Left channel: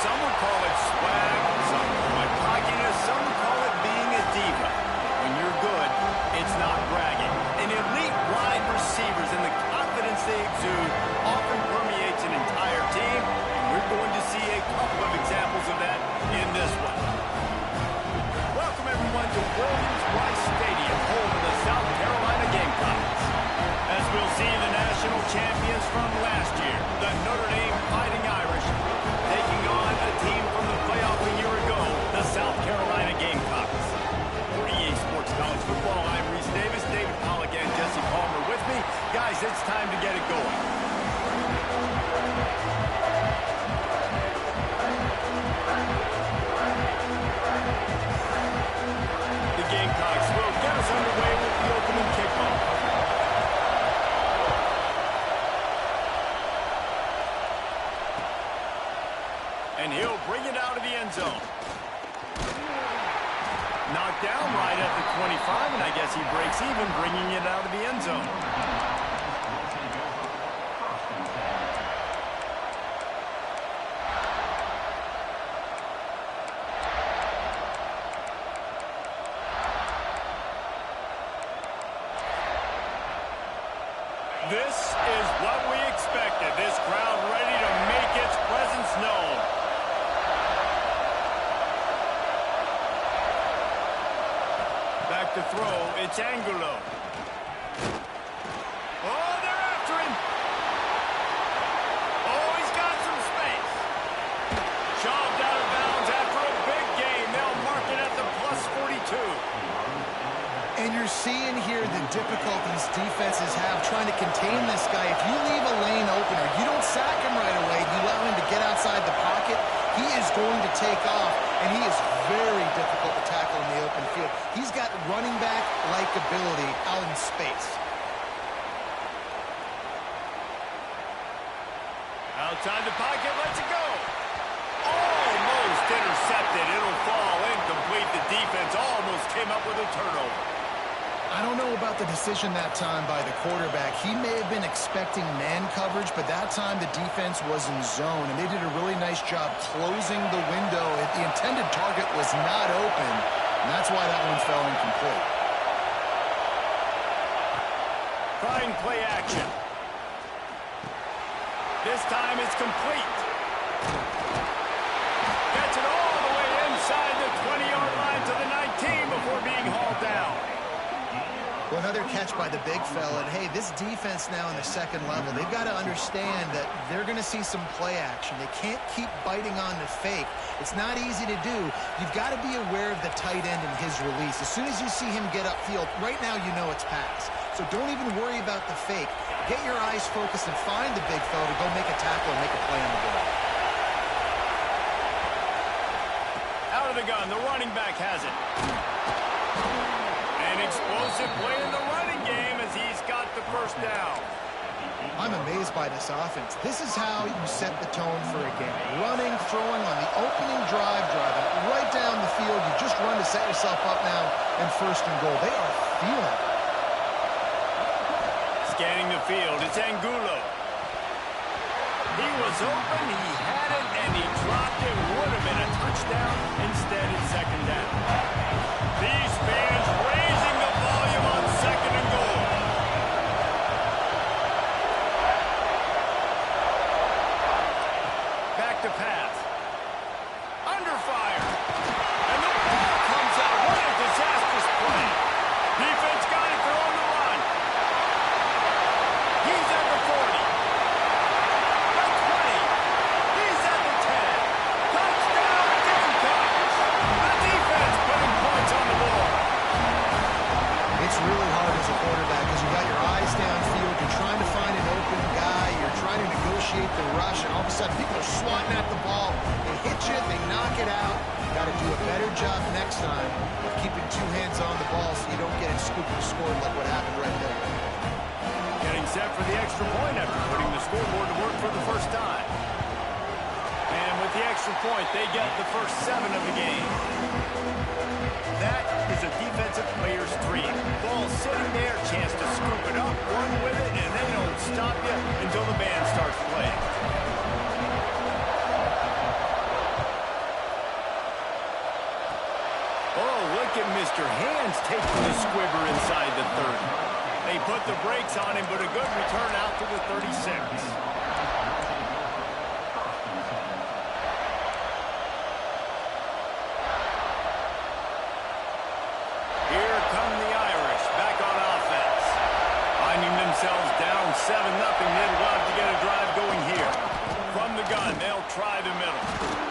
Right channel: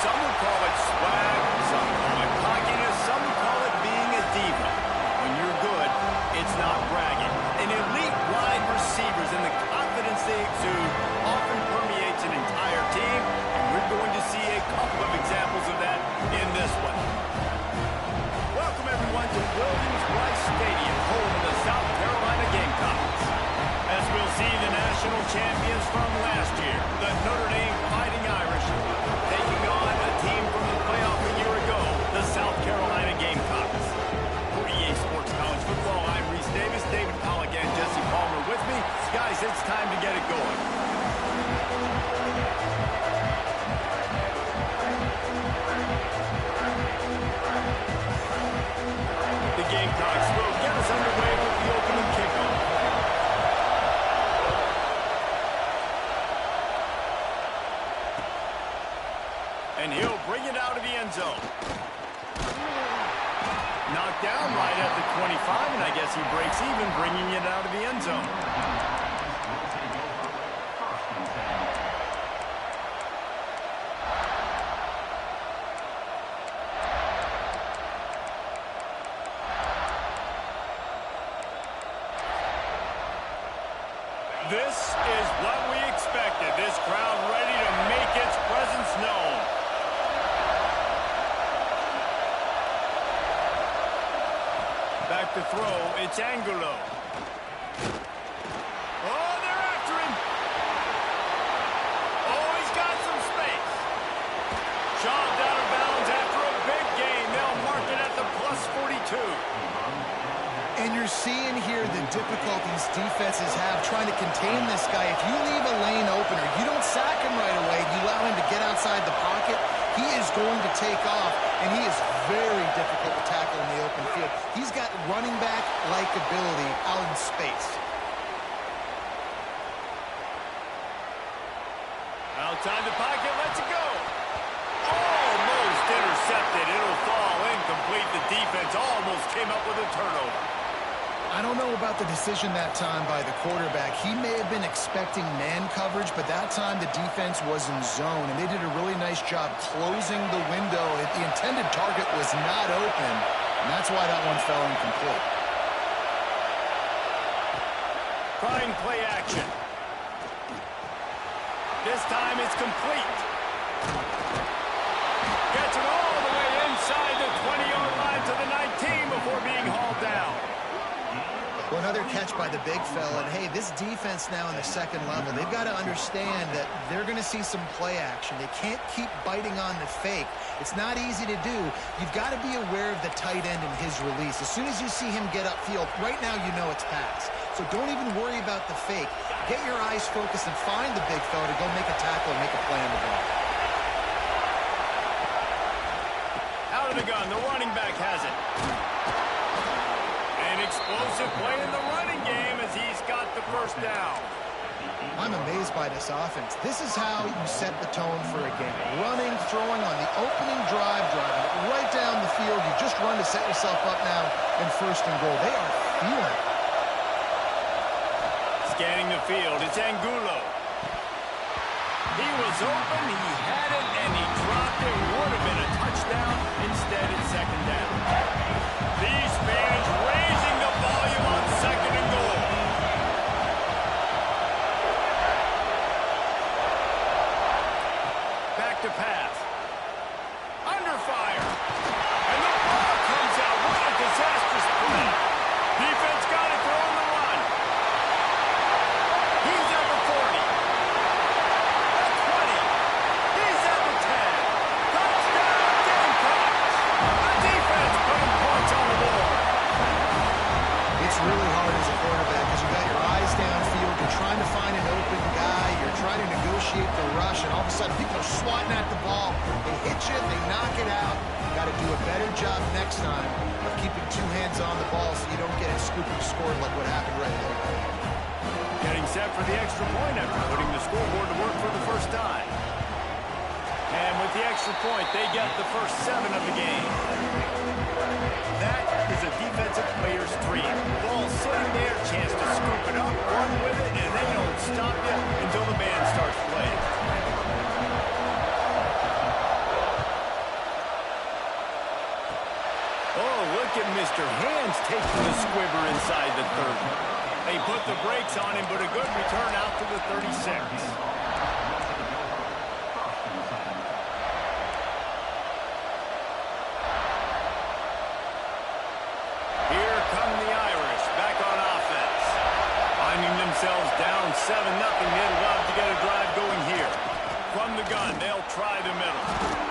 Some would call it swag, some call it cockiness, some would call it being a diva. When you're good, it's not bragging. An elite wide receivers and the confidence they exude often permeates an entire team, and we're going to see a couple of examples of that in this one. Welcome, everyone, to Williams-Brice Stadium, home of the South Carolina Gamecocks. As we'll see the national champions from last year, the Notre Dame Fighting Irish, taking on a team from the playoff a year ago, the South Carolina Gamecocks. For EA Sports College Football, I'm Reese Davis, David Pollack, and Jesse Palmer with me. Guys, it's time to get it going. The Gamecocks will get us underway with the opening kickoff. And he'll bring it out of the end zone. Knocked down right at the 25, and I guess he breaks even, bringing it out of the end zone. This is what we expected. This crowd ready to make its presence known. Back to throw, it's Angulo. Oh, they're after him. Oh, he's got some space. Shoved out of bounds after a big gain. They'll mark it at the +42. And you're seeing here the difficulties defenses have trying to contain this guy. If you leave a lane open or you don't sack him right away, you allow him to get outside the pocket, he is going to take off, and he is very difficult to tackle in the open field. He's got running back-like ability out in space. Outside the pocket, lets it go. Almost intercepted. It'll fall incomplete. The defense almost came up with a turnover. I don't know about the decision that time by the quarterback. He may have been expecting man coverage, but that time the defense was in zone, and they did a really nice job closing the window. The intended target was not open, and that's why that one fell incomplete. Trying play action. This time it's complete. Gets it all the way inside the 20-yard line to the 19 before being hauled down. Well, another catch by the big fella. And, hey, this defense now in the second level, they've got to understand that they're going to see some play action. They can't keep biting on the fake. It's not easy to do. You've got to be aware of the tight end and his release. As soon as you see him get upfield, right now you know it's pass. So don't even worry about the fake. Get your eyes focused and find the big fella to go make a tackle and make a play on the ball. Out of the gun, the running back has it. An explosive play in the running game as he's got the first down. I'm amazed by this offense. This is how you set the tone for a game. Running, throwing on the opening drive, driving it right down the field. You just run to set yourself up now in first and goal. They are feeling it. Scanning the field, it's Angulo. He was open, he had it, and he dropped it. Would have been a touchdown. Instead, it's second down. These fans raising the volume on second and goal. Back to pass. Under fire. And the ball comes out. What a disastrous play. Defense got it. They're on the run. He's at the 40. The 20. He's at the 10. Touchdown, Gamecocks. The defense putting points on the board. It's really hard as a quarterback because you got your eyes downfield. You're trying to find an open guy. You're trying to negotiate the rush, and all of a sudden people are swatting at the ball. They hit you. They knock it out. You got to do a better job next time of keeping two hands on the ball so you don't get it scooped and scored like what happened right there. Getting set for the extra point after putting the scoreboard to work for the first time. And with the extra point, they get the first 7 of the game. That is a defensive player's dream. Ball sitting there, chance to scoop it up, run with it, and they don't stop you until the band starts playing. look at Mr. Hands taking the squibber inside the 30. They put the brakes on him, but a good return out to the 36. Here come the Irish back on offense. Finding themselves down 7-0, they'd love to get a drive going here. From the gun, they'll try the middle.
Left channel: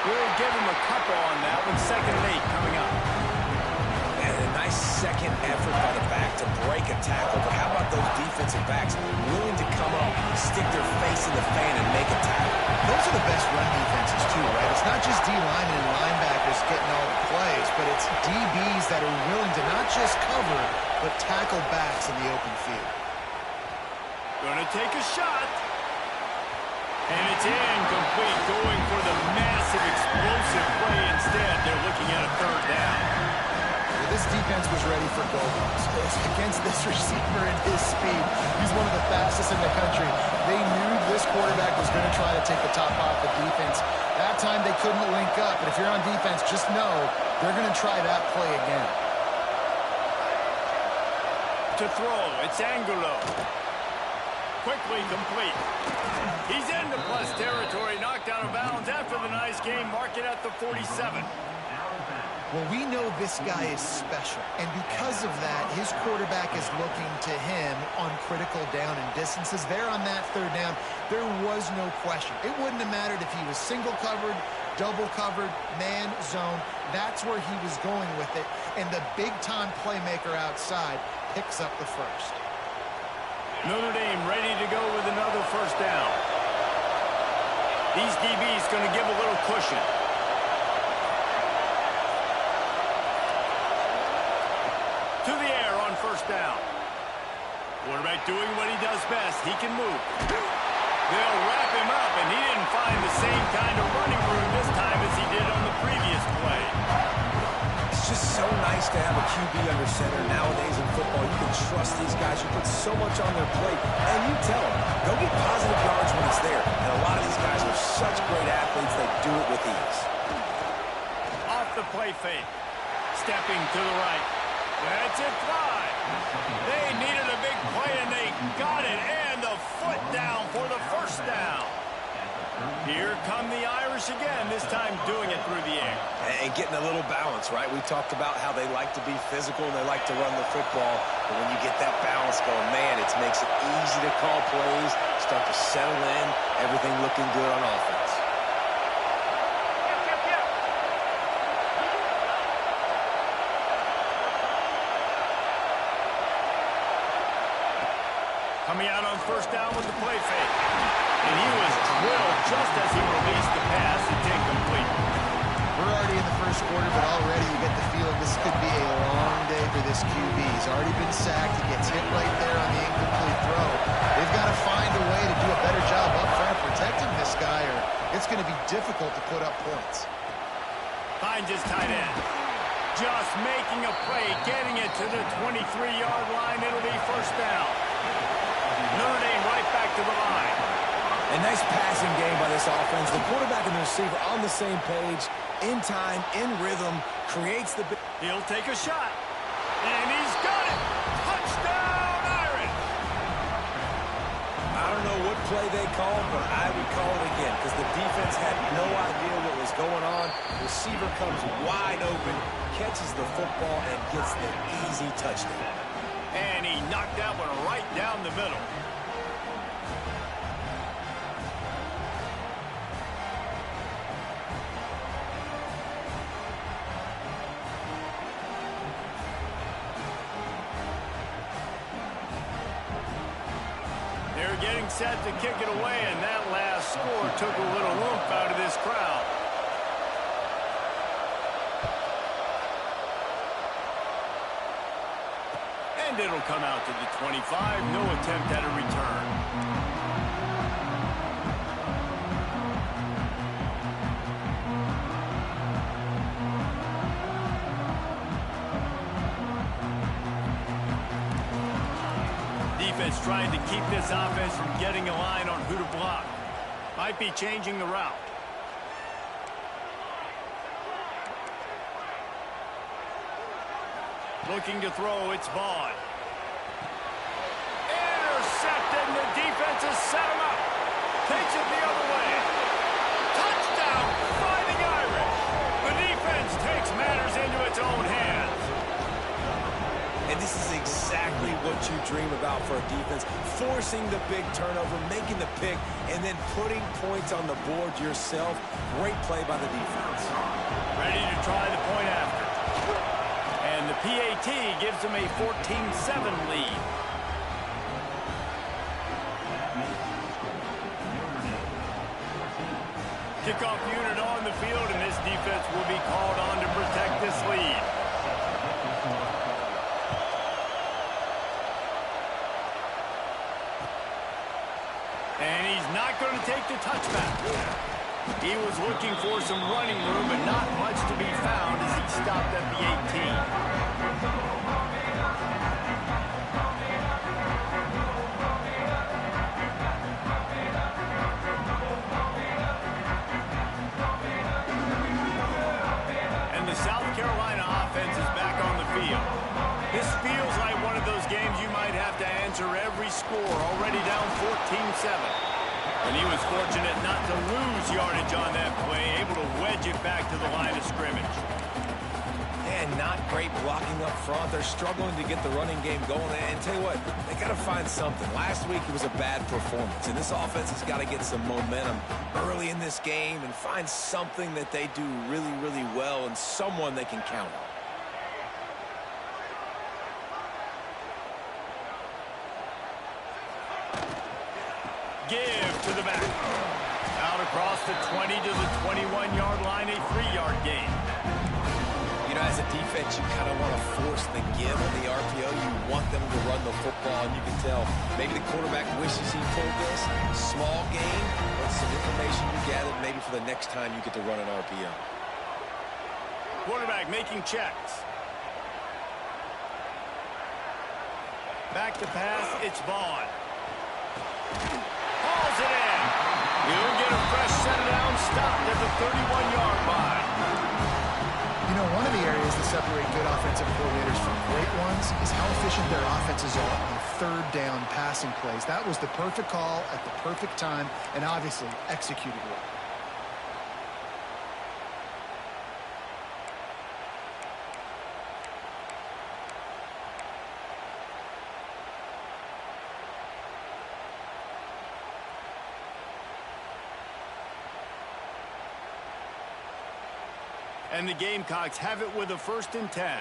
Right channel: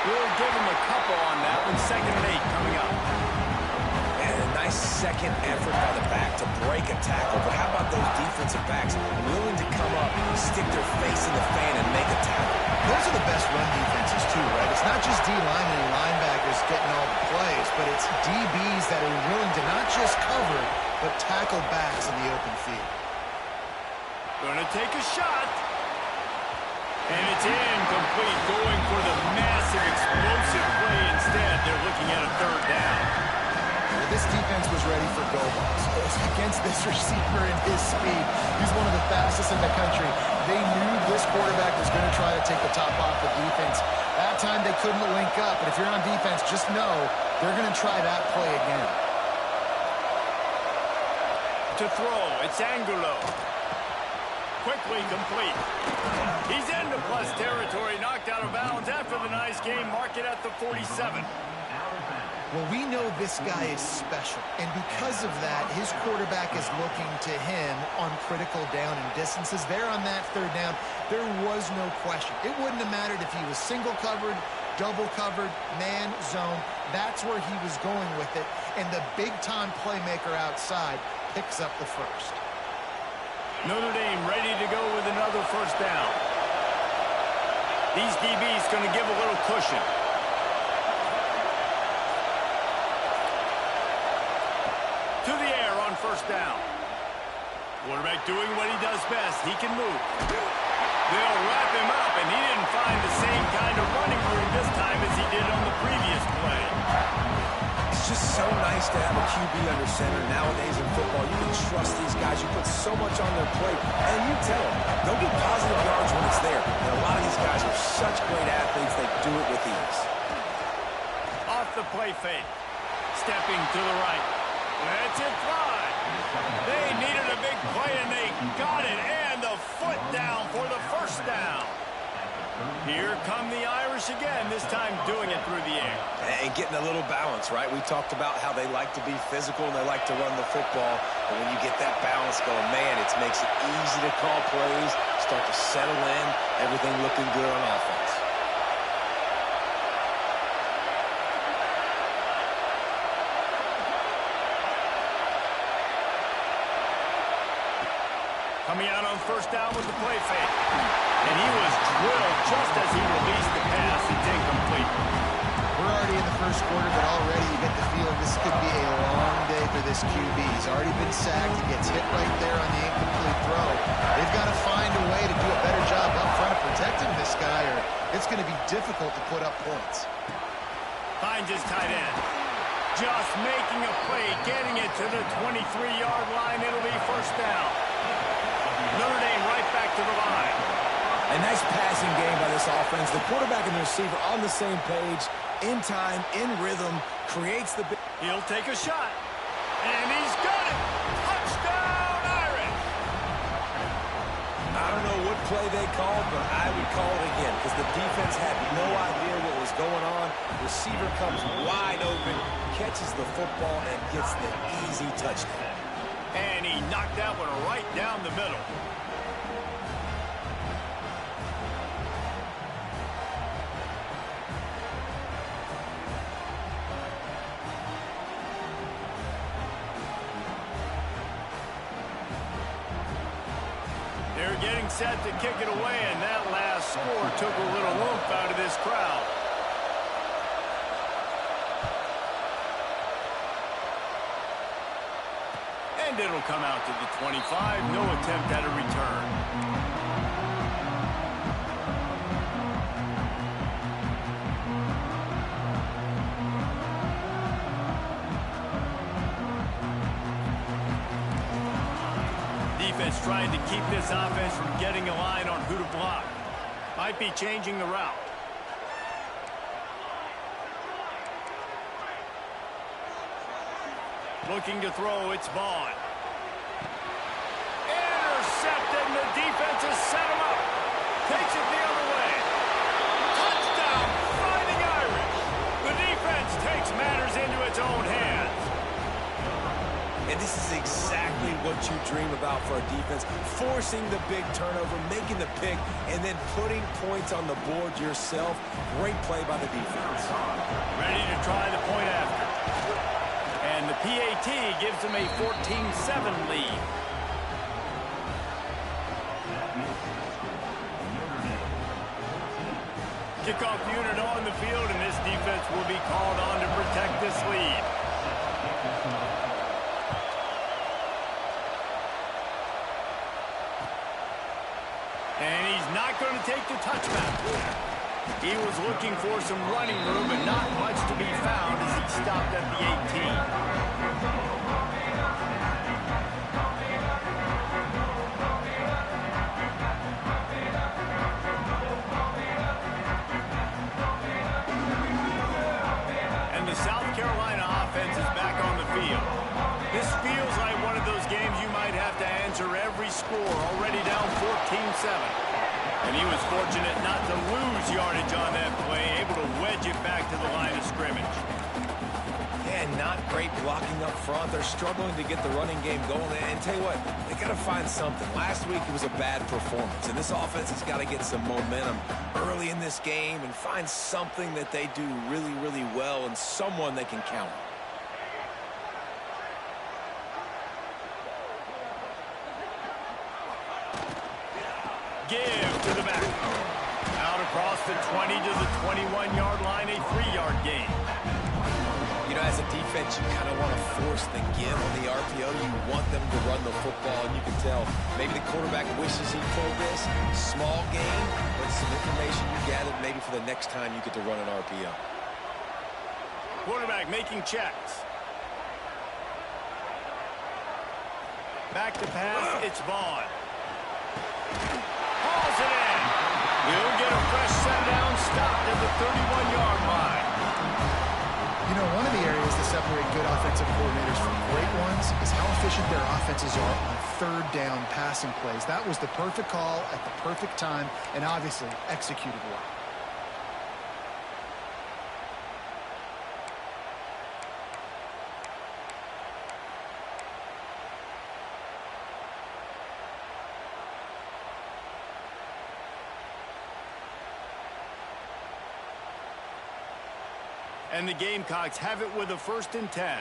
We'll give him a couple on that one. 2nd and 8 coming up. And a nice second effort by the back to break a tackle. But how about those defensive backs willing to come up, stick their face in the fan, and make a tackle? Those are the best run defenses, too, right? It's not just D linemen and linebackers getting all the plays, but it's DBs that are willing to not just cover, but tackle backs in the open field. Gonna take a shot. And it's incomplete, going for the massive explosive play instead. They're looking at a 3rd down. Well, this defense was ready for go-balls. Against this receiver and his speed, he's one of the fastest in the country. They knew this quarterback was going to try to take the top off the defense. That time they couldn't link up, but if you're on defense, just know they're going to try that play again. To throw, it's Angulo. Quickly complete. He's into plus territory, knocked out of bounds after the nice game. Mark it at the 47. Well, we know this guy is special, and because of that, his quarterback is looking to him on critical down and distances. There on that 3rd down, there was no question. It wouldn't have mattered if he was single covered, double covered, man, zone. That's where he was going with it, and the big-time playmaker outside picks up the first. Notre Dame ready to go with another 1st down. These DBs going to give a little cushion. To the air on 1st down. Quarterback doing what he does best. He can move. They'll wrap him up, and he didn't find the same kind of running room this time as he did on the previous play. It's just so nice to have a QB under center. Nowadays in football, you can trust these guys. You put so much on their plate, and you tell them, go get positive yards when it's there. And a lot of these guys are such great athletes, they do it with ease. Off the play fake. Stepping to the right. Lets it fly. They needed a big play, and they got it. And the foot down for the 1st down. Here come the Irish again, this time doing it through the air. And getting a little balance, right? We talked about how they like to be physical and they like to run the football. But when you get that balance going, man, it makes it easy to call plays, start to settle in, everything looking good on offense. Coming out on 1st down with the play fake. And he was drilled just as he released the pass. It's incomplete. We're already in the 1st quarter, but already you get the feeling this could be a long day for this QB. He's already been sacked. He gets hit right there on the incomplete throw. They've got to find a way to do a better job up front of protecting this guy, or it's going to be difficult to put up points. Finds his tight end. Just making a play, getting it to the 23-yard line. It'll be 1st down. Notre Dame right back to the line. A nice passing game by this offense. The quarterback and the receiver on the same page, in time, in rhythm, creates the... He'll take a shot. And he's got it. Touchdown, Irish. I don't know what play they called, but I would call it again because the defense had no idea what was going on. Receiver comes wide open, catches the football, and gets the easy touchdown. And he knocked that one right down the middle. They're getting set to kick it away, and that last score took a little oomph out of this crowd. And it'll come out to the 25. No attempt at a return. Defense trying to keep this offense from getting a line on who to block. Might be changing the route. Looking to throw, it's Vaughn. Intercepted, and the defense has set him up. Takes it the other way. Touchdown, Fighting Irish. The defense takes matters into its own hands. And this is exactly what you dream about for a defense. Forcing the big turnover, making the pick, and then putting points on the board yourself. Great play by the defense. Ready to try the point after. And the PAT gives them a 14-7 lead. Kickoff unit on the field, and this defense will be called on to protect this lead. And he's not going to take the touchback. He was looking for some running room, but not much to be found as he stopped at the 18. And the South Carolina offense is back on the field. This feels like one of those games you might have to answer every score, already down 14-7. And he was fortunate not to lose yardage on that play, able to wedge it back to the line of scrimmage. And not great blocking up front. They're struggling to get the running game going. And tell you what, they got to find something. Last week it was a bad performance, and this offense has got to get some momentum early in this game and find something that they do really, really well and someone they can count on. Give to the back. Out across the 20 to the 21-yard line, a 3-yard gain. You know, as a defense, you kind of want to force the give on the RPO. You want them to run the football, and you can tell maybe the quarterback wishes he pulled this. Small gain, but some information you gathered maybe for the next time you get to run an RPO. Quarterback making checks. Back to pass, it's Vaughn. Hauls it in. He'll get a fresh set down, stopped at the 31-yard line. You know, one of the areas that separate good offensive coordinators from great ones is how efficient their offenses are on third down passing plays. That was the perfect call at the perfect time and obviously executed well. And the Gamecocks have it with a 1st and 10.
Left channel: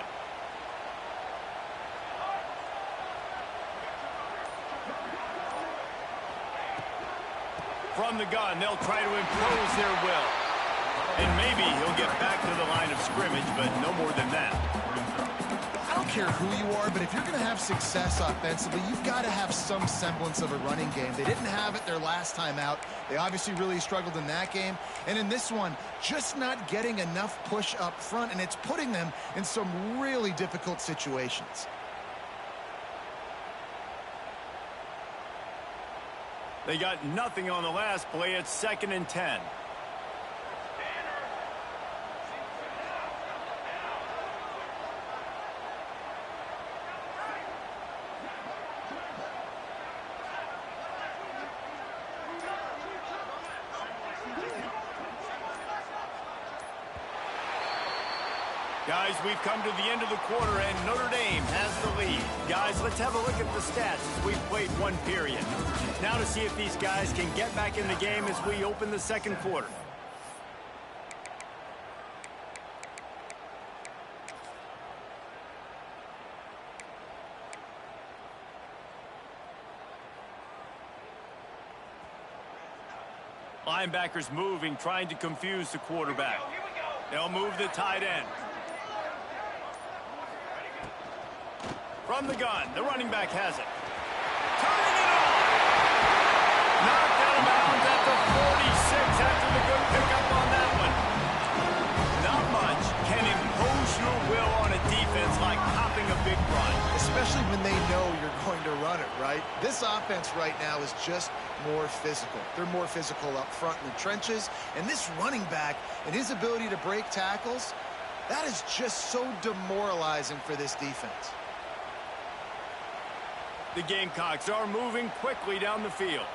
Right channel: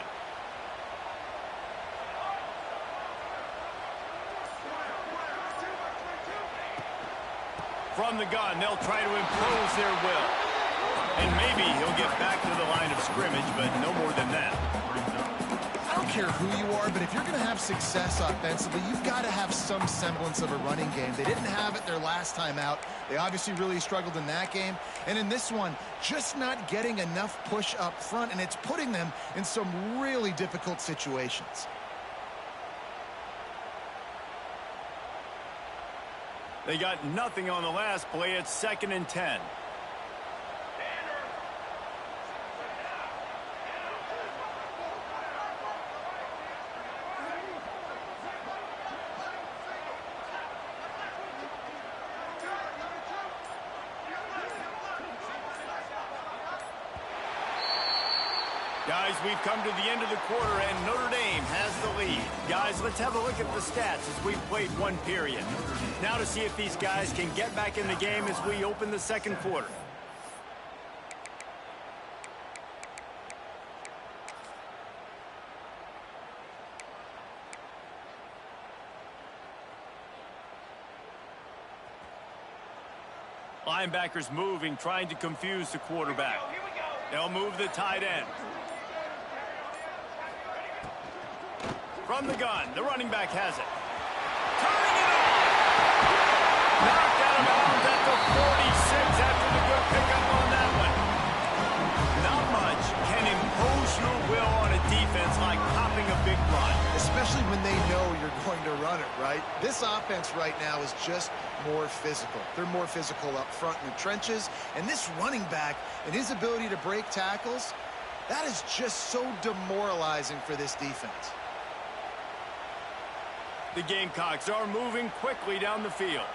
From the gun, they'll try to impose their will. And maybe he'll get back to the line of scrimmage, but no more than that. I don't care who you are, but if you're going to have success offensively, you've got to have some semblance of a running game. They didn't have it their last time out. They obviously really struggled in that game. And in this one, just not getting enough push up front, and it's putting them in some really difficult situations. They got nothing on the last play. It's 2nd and 10. Guys, we've come to the end of the quarter, and Notre Dame has the lead. Guys, let's have a look at the stats as we've played one period. Now to see if these guys can get back in the game as we open the second quarter. Linebackers moving, trying to confuse the quarterback. They'll move the tight end. From the gun, the running back has it. Turning it on! Knocked out of bounds at the 46 after the good pickup on that one. Not much can impose your will on a defense like popping a big run. Especially when they know you're going to run it, right? This offense right now is just more physical. They're more physical up front in the trenches. And this running back and his ability to break tackles, That is just so demoralizing for this defense. The Gamecocks are moving quickly down the field.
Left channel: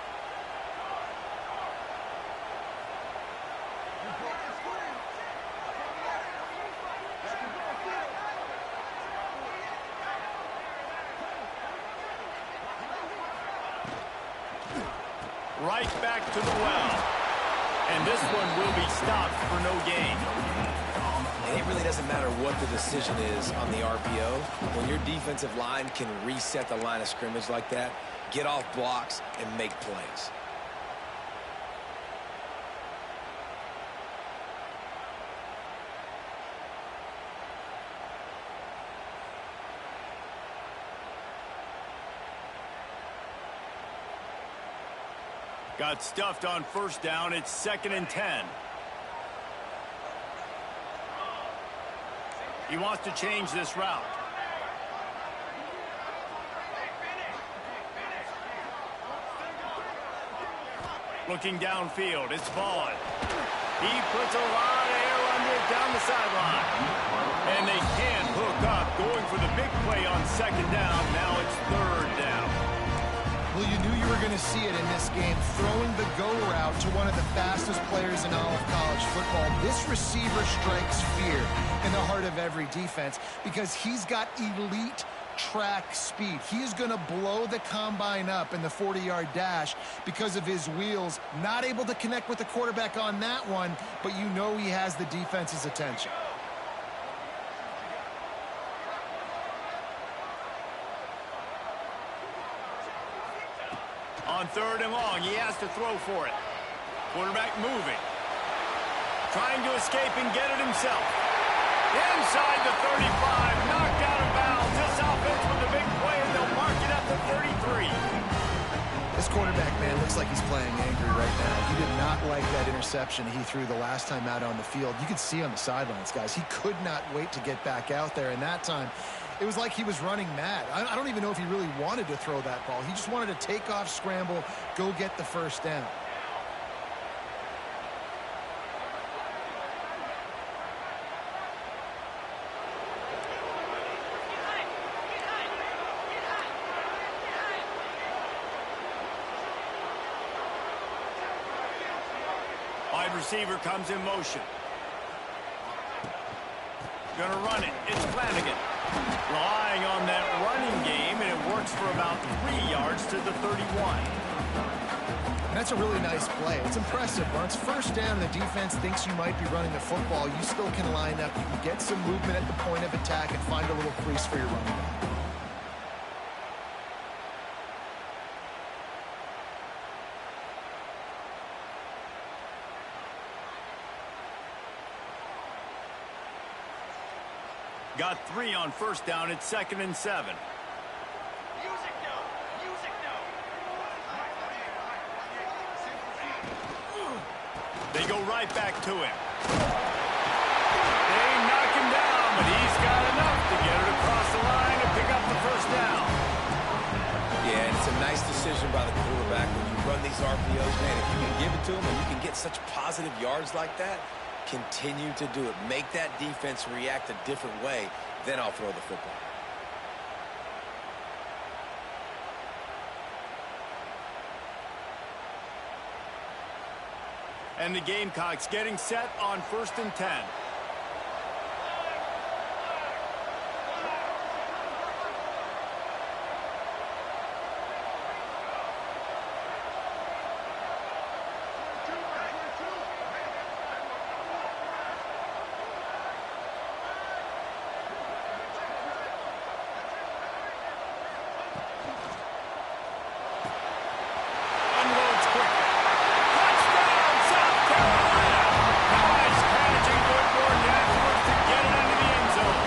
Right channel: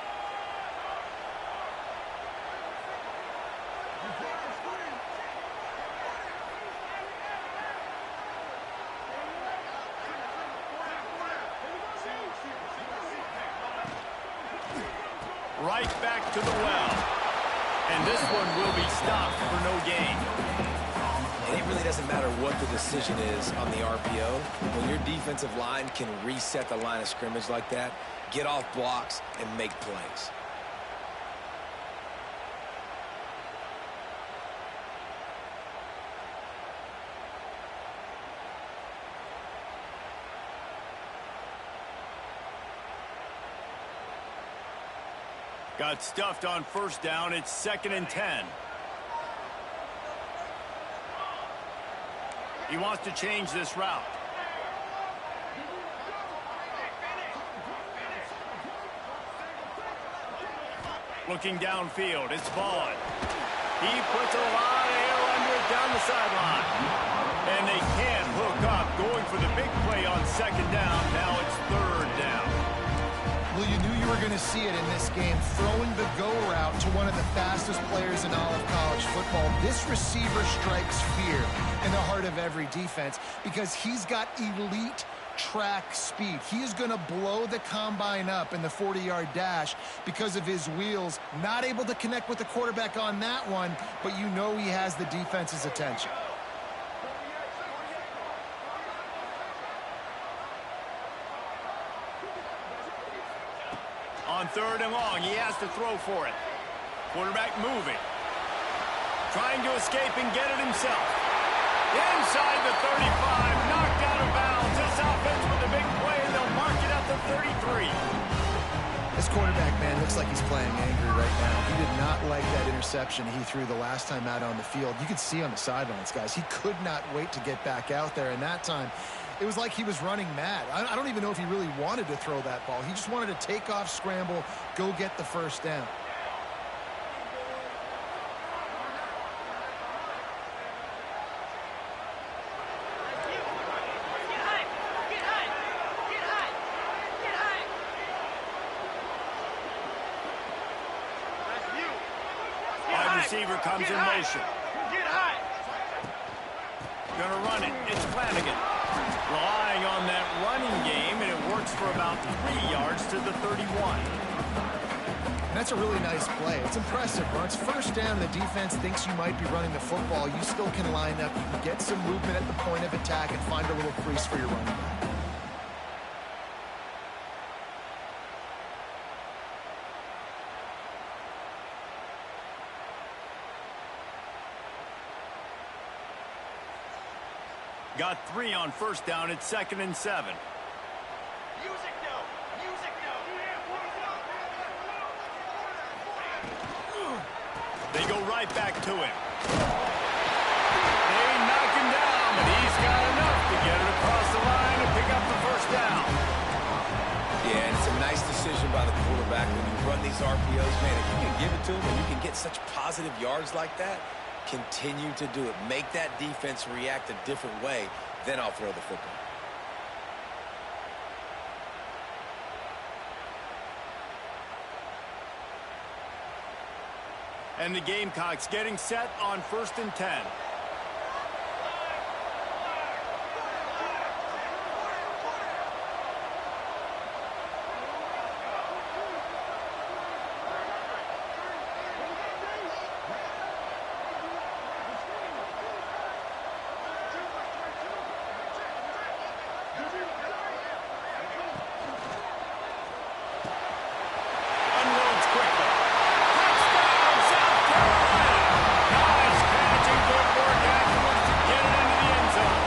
Right back to the well. And this one will be stopped for no gain. And it really doesn't matter what the decision is on the RPO. When your defensive line can reset the line of scrimmage like that, get off blocks, and make plays. Got stuffed on first down. It's 2nd and 10. He wants to change this route. Looking downfield, it's Vaughn. He puts a lot of air under it down the sideline. And they can't hook up, going for the big play on 2nd down. Now it's 3rd down. Well, you knew you were going to see it in this game, throwing the go route to one of the fastest players in all of college football. This receiver strikes fear in the heart of every defense because he's got elite track speed. He is going to blow the combine up in the 40-yard dash because of his wheels. Not able to connect with the quarterback on that one, but you know he has the defense's attention. On 3rd and long, he has to throw for it. Quarterback moving. Trying to escape and get it himself. Inside the 35, knocked out of bounds. This offense with a big play, and they'll mark it at the 33. This quarterback, man, looks like he's playing angry right now. He did not like that interception he threw the last time out on the field. You could see on the sidelines, guys, he could not wait to get back out there. And that time, it was like he was running mad. I don't even know if he really wanted to throw that ball. He just wanted to take off, scramble, go get the first down. Wide receiver comes in motion. Gonna run it. It's Flanagan. Relying on that running game, and it works for about 3 yards to the 31. That's a really nice play. It's impressive. When it's first down and the defense thinks you might be running the football, you still can line up. You can get some movement at the point of attack and find a little crease for your running back. Got 3 on first down. It's 2nd and 7. Music no. Music no. They go right back to him. They knock him down, but he's got enough to get it across the line and pick up the first down. Yeah, and it's a nice decision by the quarterback when you run these RPOs, man. If you can give it to him and you can get such positive yards like that, continue to do it. Make that defense react a different way, then I'll throw the football. And the Gamecocks getting set on 1st and 10. Unloads quickly. Touchdown, South Carolina! Nice catch and good work afterwards to get it into the end zone.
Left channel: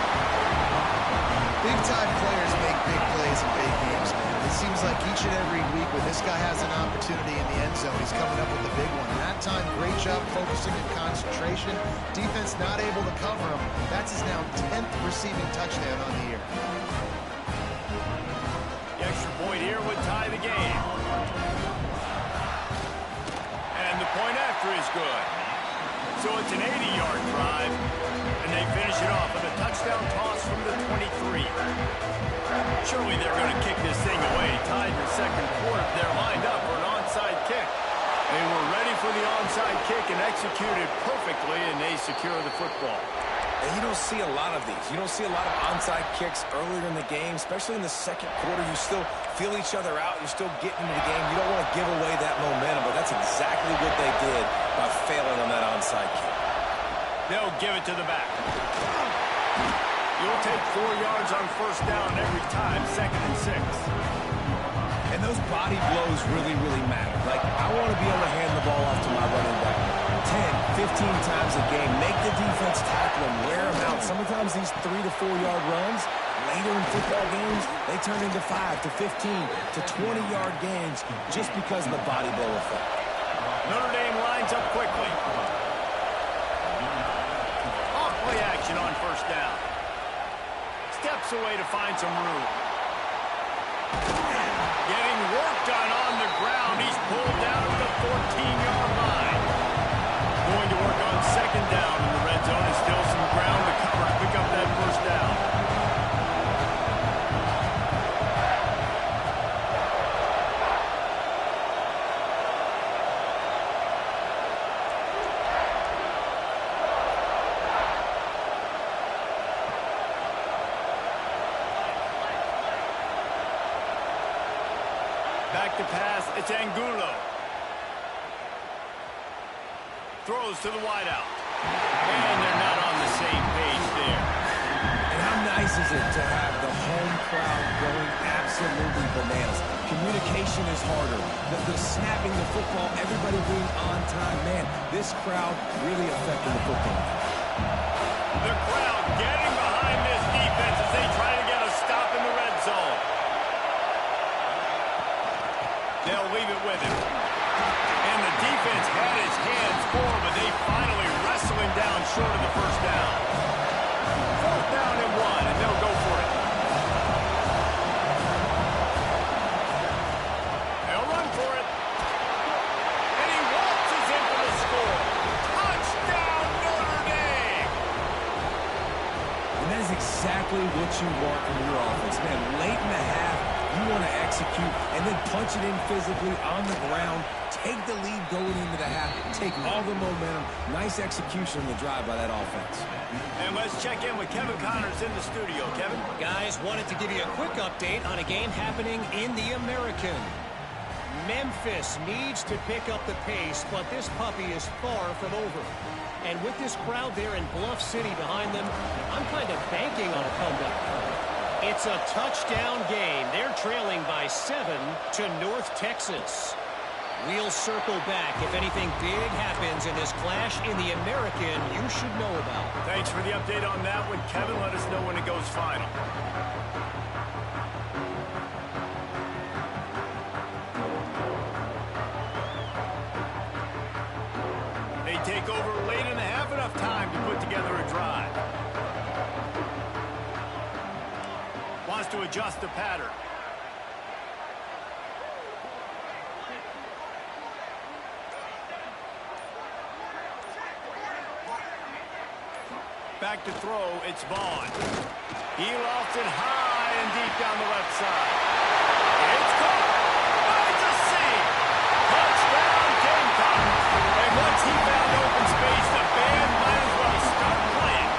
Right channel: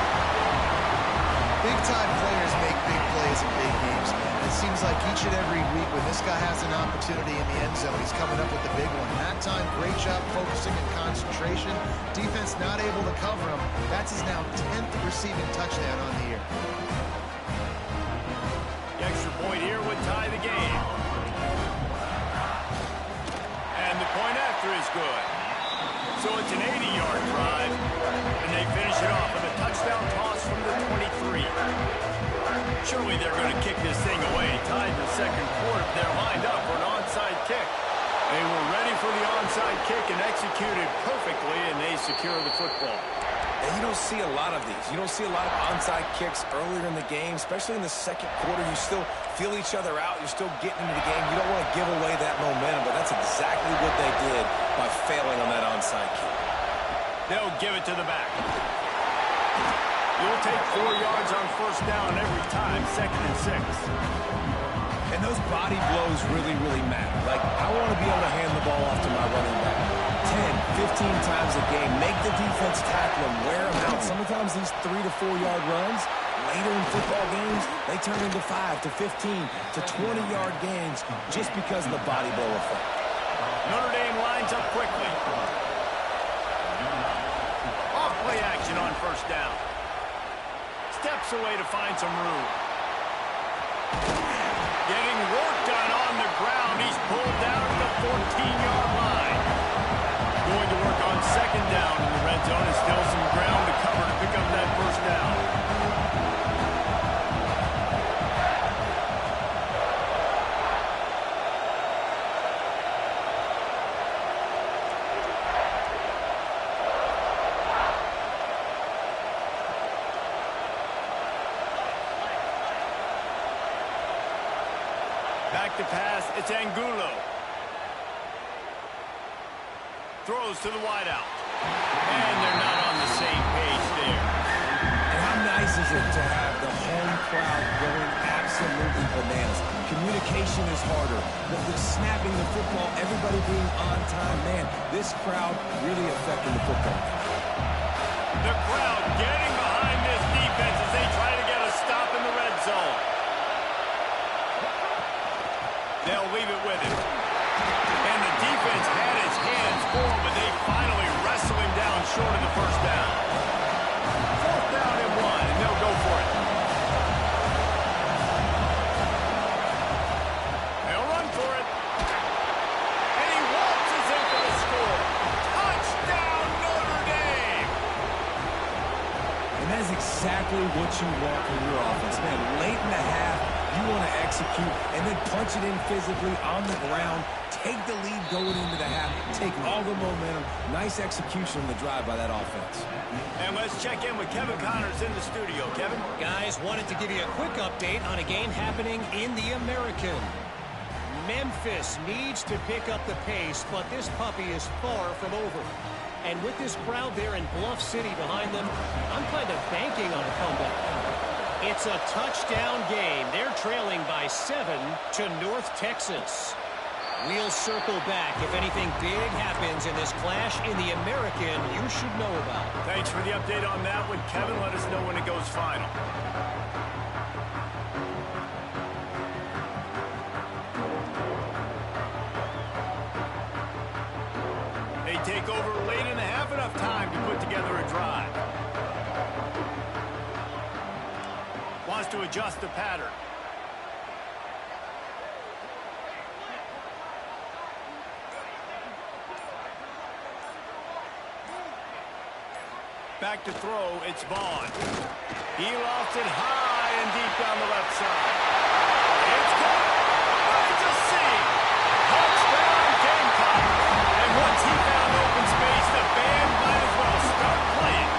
Big-time players make big plays in big games, man. It seems like each and every week when this guy has an opportunity in the end zone, he's coming up with the big one. That time, great job focusing and concentration. Defense not able to cover him. That's his now 10th receiving touchdown on the year. The extra point here would tie the game. And the point after is good. So So it's an 80-yard drive, and they finish it off with a touchdown toss from the 23. Surely they're going to kick this thing away. Tied in the second quarter. They're lined up for an onside kick. They were ready for the onside kick and executed perfectly, and they secure the football. And you don't see a lot of these. You don't see a lot of onside kicks earlier in the game, especially in the second quarter. You still feel each other out. You're still getting into the game. You don't want to give away that momentum, but that's exactly what they did by failing on that onside kick. They'll give it to the back. You'll take 4 yards on first down every time, 2nd and 6. And those body blows really, really matter. Like, I want to be able to hand the ball off to my running back 10, 15 times a game. Make the defense tackle them, wear them out. Sometimes these 3 to 4 yard runs, later in football games, they turn into 5 to 15 to 20-yard gains just because of the body blow effect. Notre Dame lines up quickly. Off play action on first down. Steps away to find some room. Getting work done on the ground. He's pulled down at the 14-yard line. Going to work on second down in the red zone, and still some ground to cover to pick up that first down. Back to pass, it's Angulo. Throws to the wideout. And they're not on the same page there. And how nice is it to have the home crowd going absolutely bananas? Communication is harder. The snapping the football, everybody being on time. Man, this crowd really affecting the football game. The crowd getting behind this defense as they try to get a stop in the red zone. They'll leave it with him. And the defense had his hands full, but they finally wrestle him down short of the first down. 4th down and 1, and they'll go for it. They'll run for it. And he waltzes in for the score. Touchdown, Notre Dame! And that is exactly what you want from your offense. Man, late in the half, you want to execute and then punch it in physically on the ground. Take the lead going into the half. Take all the momentum. Nice execution on the drive by that offense. And let's check in with Kevin Connors in the studio. Kevin? Guys, wanted to give you a quick update on a game happening in the American. Memphis needs to pick up the pace, but this puppy is far from over. And with this crowd there in Bluff City behind them, I'm kind of banking on a comeback. It's a touchdown game. They're trailing by 7 to North Texas. We'll circle back if anything big happens in this clash in the American you should know about. Thanks for the update on that one, Kevin. Let us know when it goes final. They take over late in the half, enough time to put together a drive. Wants to adjust the pattern. Back to throw, it's Vaughn. He lofts it high and deep down the left side. It's caught. Finds a seam. Touchdown, Gamecock. And once he found open space, the band might as well start playing.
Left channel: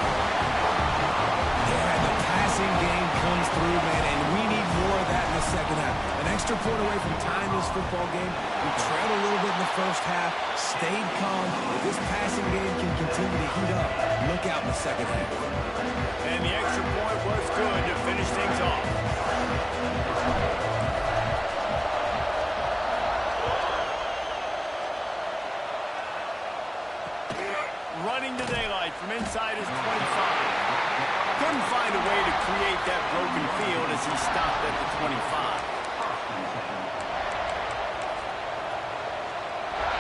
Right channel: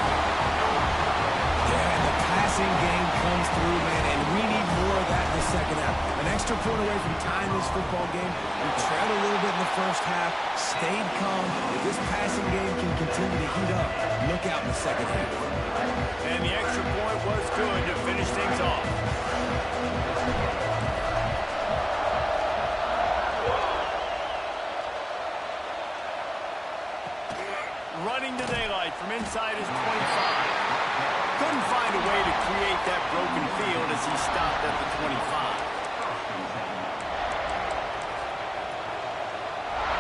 Yeah, the passing game comes through, man, and we need more of that in the second half. An extra point away from tying this football game. We trailed a little bit in the first half, stayed calm. If this passing game can continue to heat up, look out in the second half. And the extra point was good to finish things off. Running to daylight from inside his 25. Couldn't find a way to create that broken field as he stopped at the 25.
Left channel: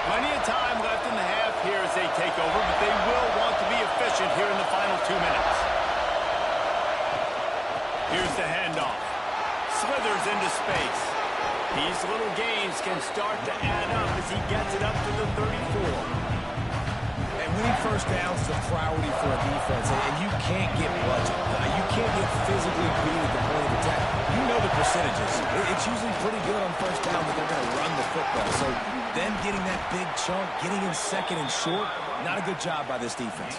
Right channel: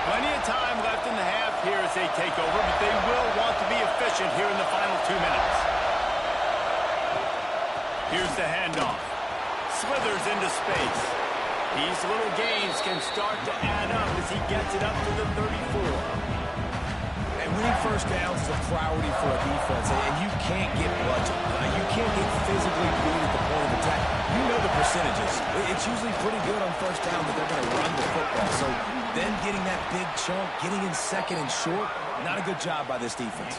Plenty of time left in the half here as they take over, but they will want to be efficient here in the final 2 minutes. Here's the handoff. Slithers into space. These little gains can start to add up as he gets it up to the 34. And winning first downs is a priority for a defense, and you can't get bludgeoned. You can't get physically beat at the point of attack. You know the percentages. It's usually pretty good on first down that they're going to run the football. So them getting that big chunk, getting in second and short, not a good job by this defense.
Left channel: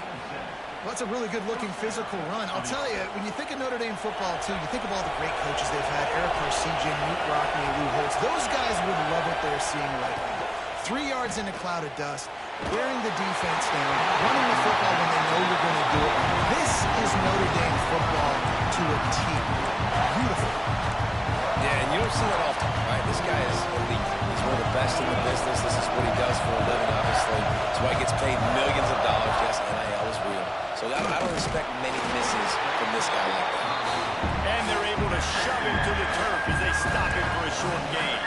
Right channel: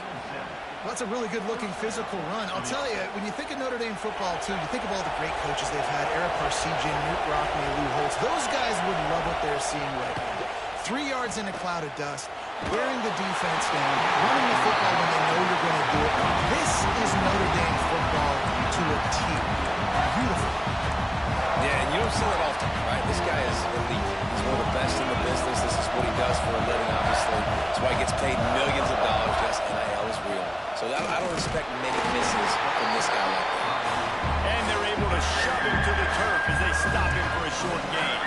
Well, that's a really good-looking physical run. I'll tell you, when you think of Notre Dame football, too, you think of all the great coaches they've had, Eric Parsegian, Newt Rockne, Lou Holtz. Those guys would love what they're seeing right now. 3 yards in a cloud of dust, wearing the defense down, running the football when they know you're going to do it. This is Notre Dame football to a T. Beautiful. Yeah, and you don't see that often, right? This guy is elite. He's one of the best in the business. This is what he does for a living, obviously. That's why he gets paid millions of dollars. Yes, NIL is real. So I don't expect many misses from this guy like that. And they're able to shove him to the turf as they stop him for a short gain.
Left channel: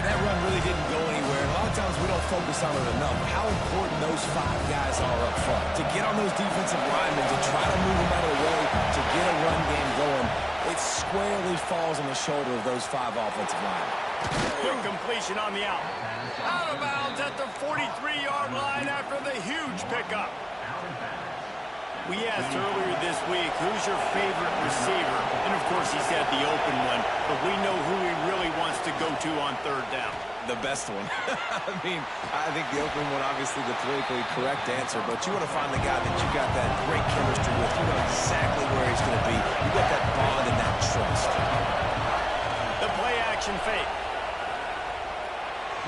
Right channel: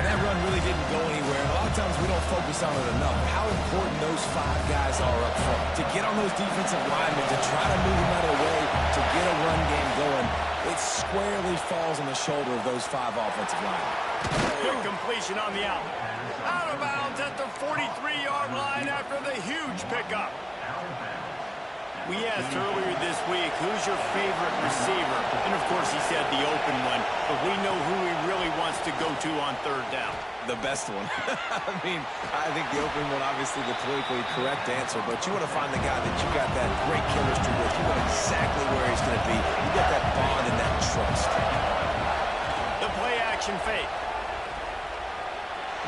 And that run really didn't go anywhere. And a lot of times we don't focus on it enough. But how important those 5 guys are up front. To get on those defensive linemen, to try to move them out of the way, to get a run game going, it squarely falls on the shoulder of those 5 offensive linemen. Good completion on the out. Out of bounds at the 43-yard line after the huge pickup. We asked earlier this week, who's your favorite receiver? And, of course, he said the open one, but we know who he really wants to go to on third down. The best one. I mean, I think the open one, obviously the politically correct answer, but you want to find the guy that you got that great chemistry with. You know exactly where he's going to be. You got that bond and that trust. The play-action fake.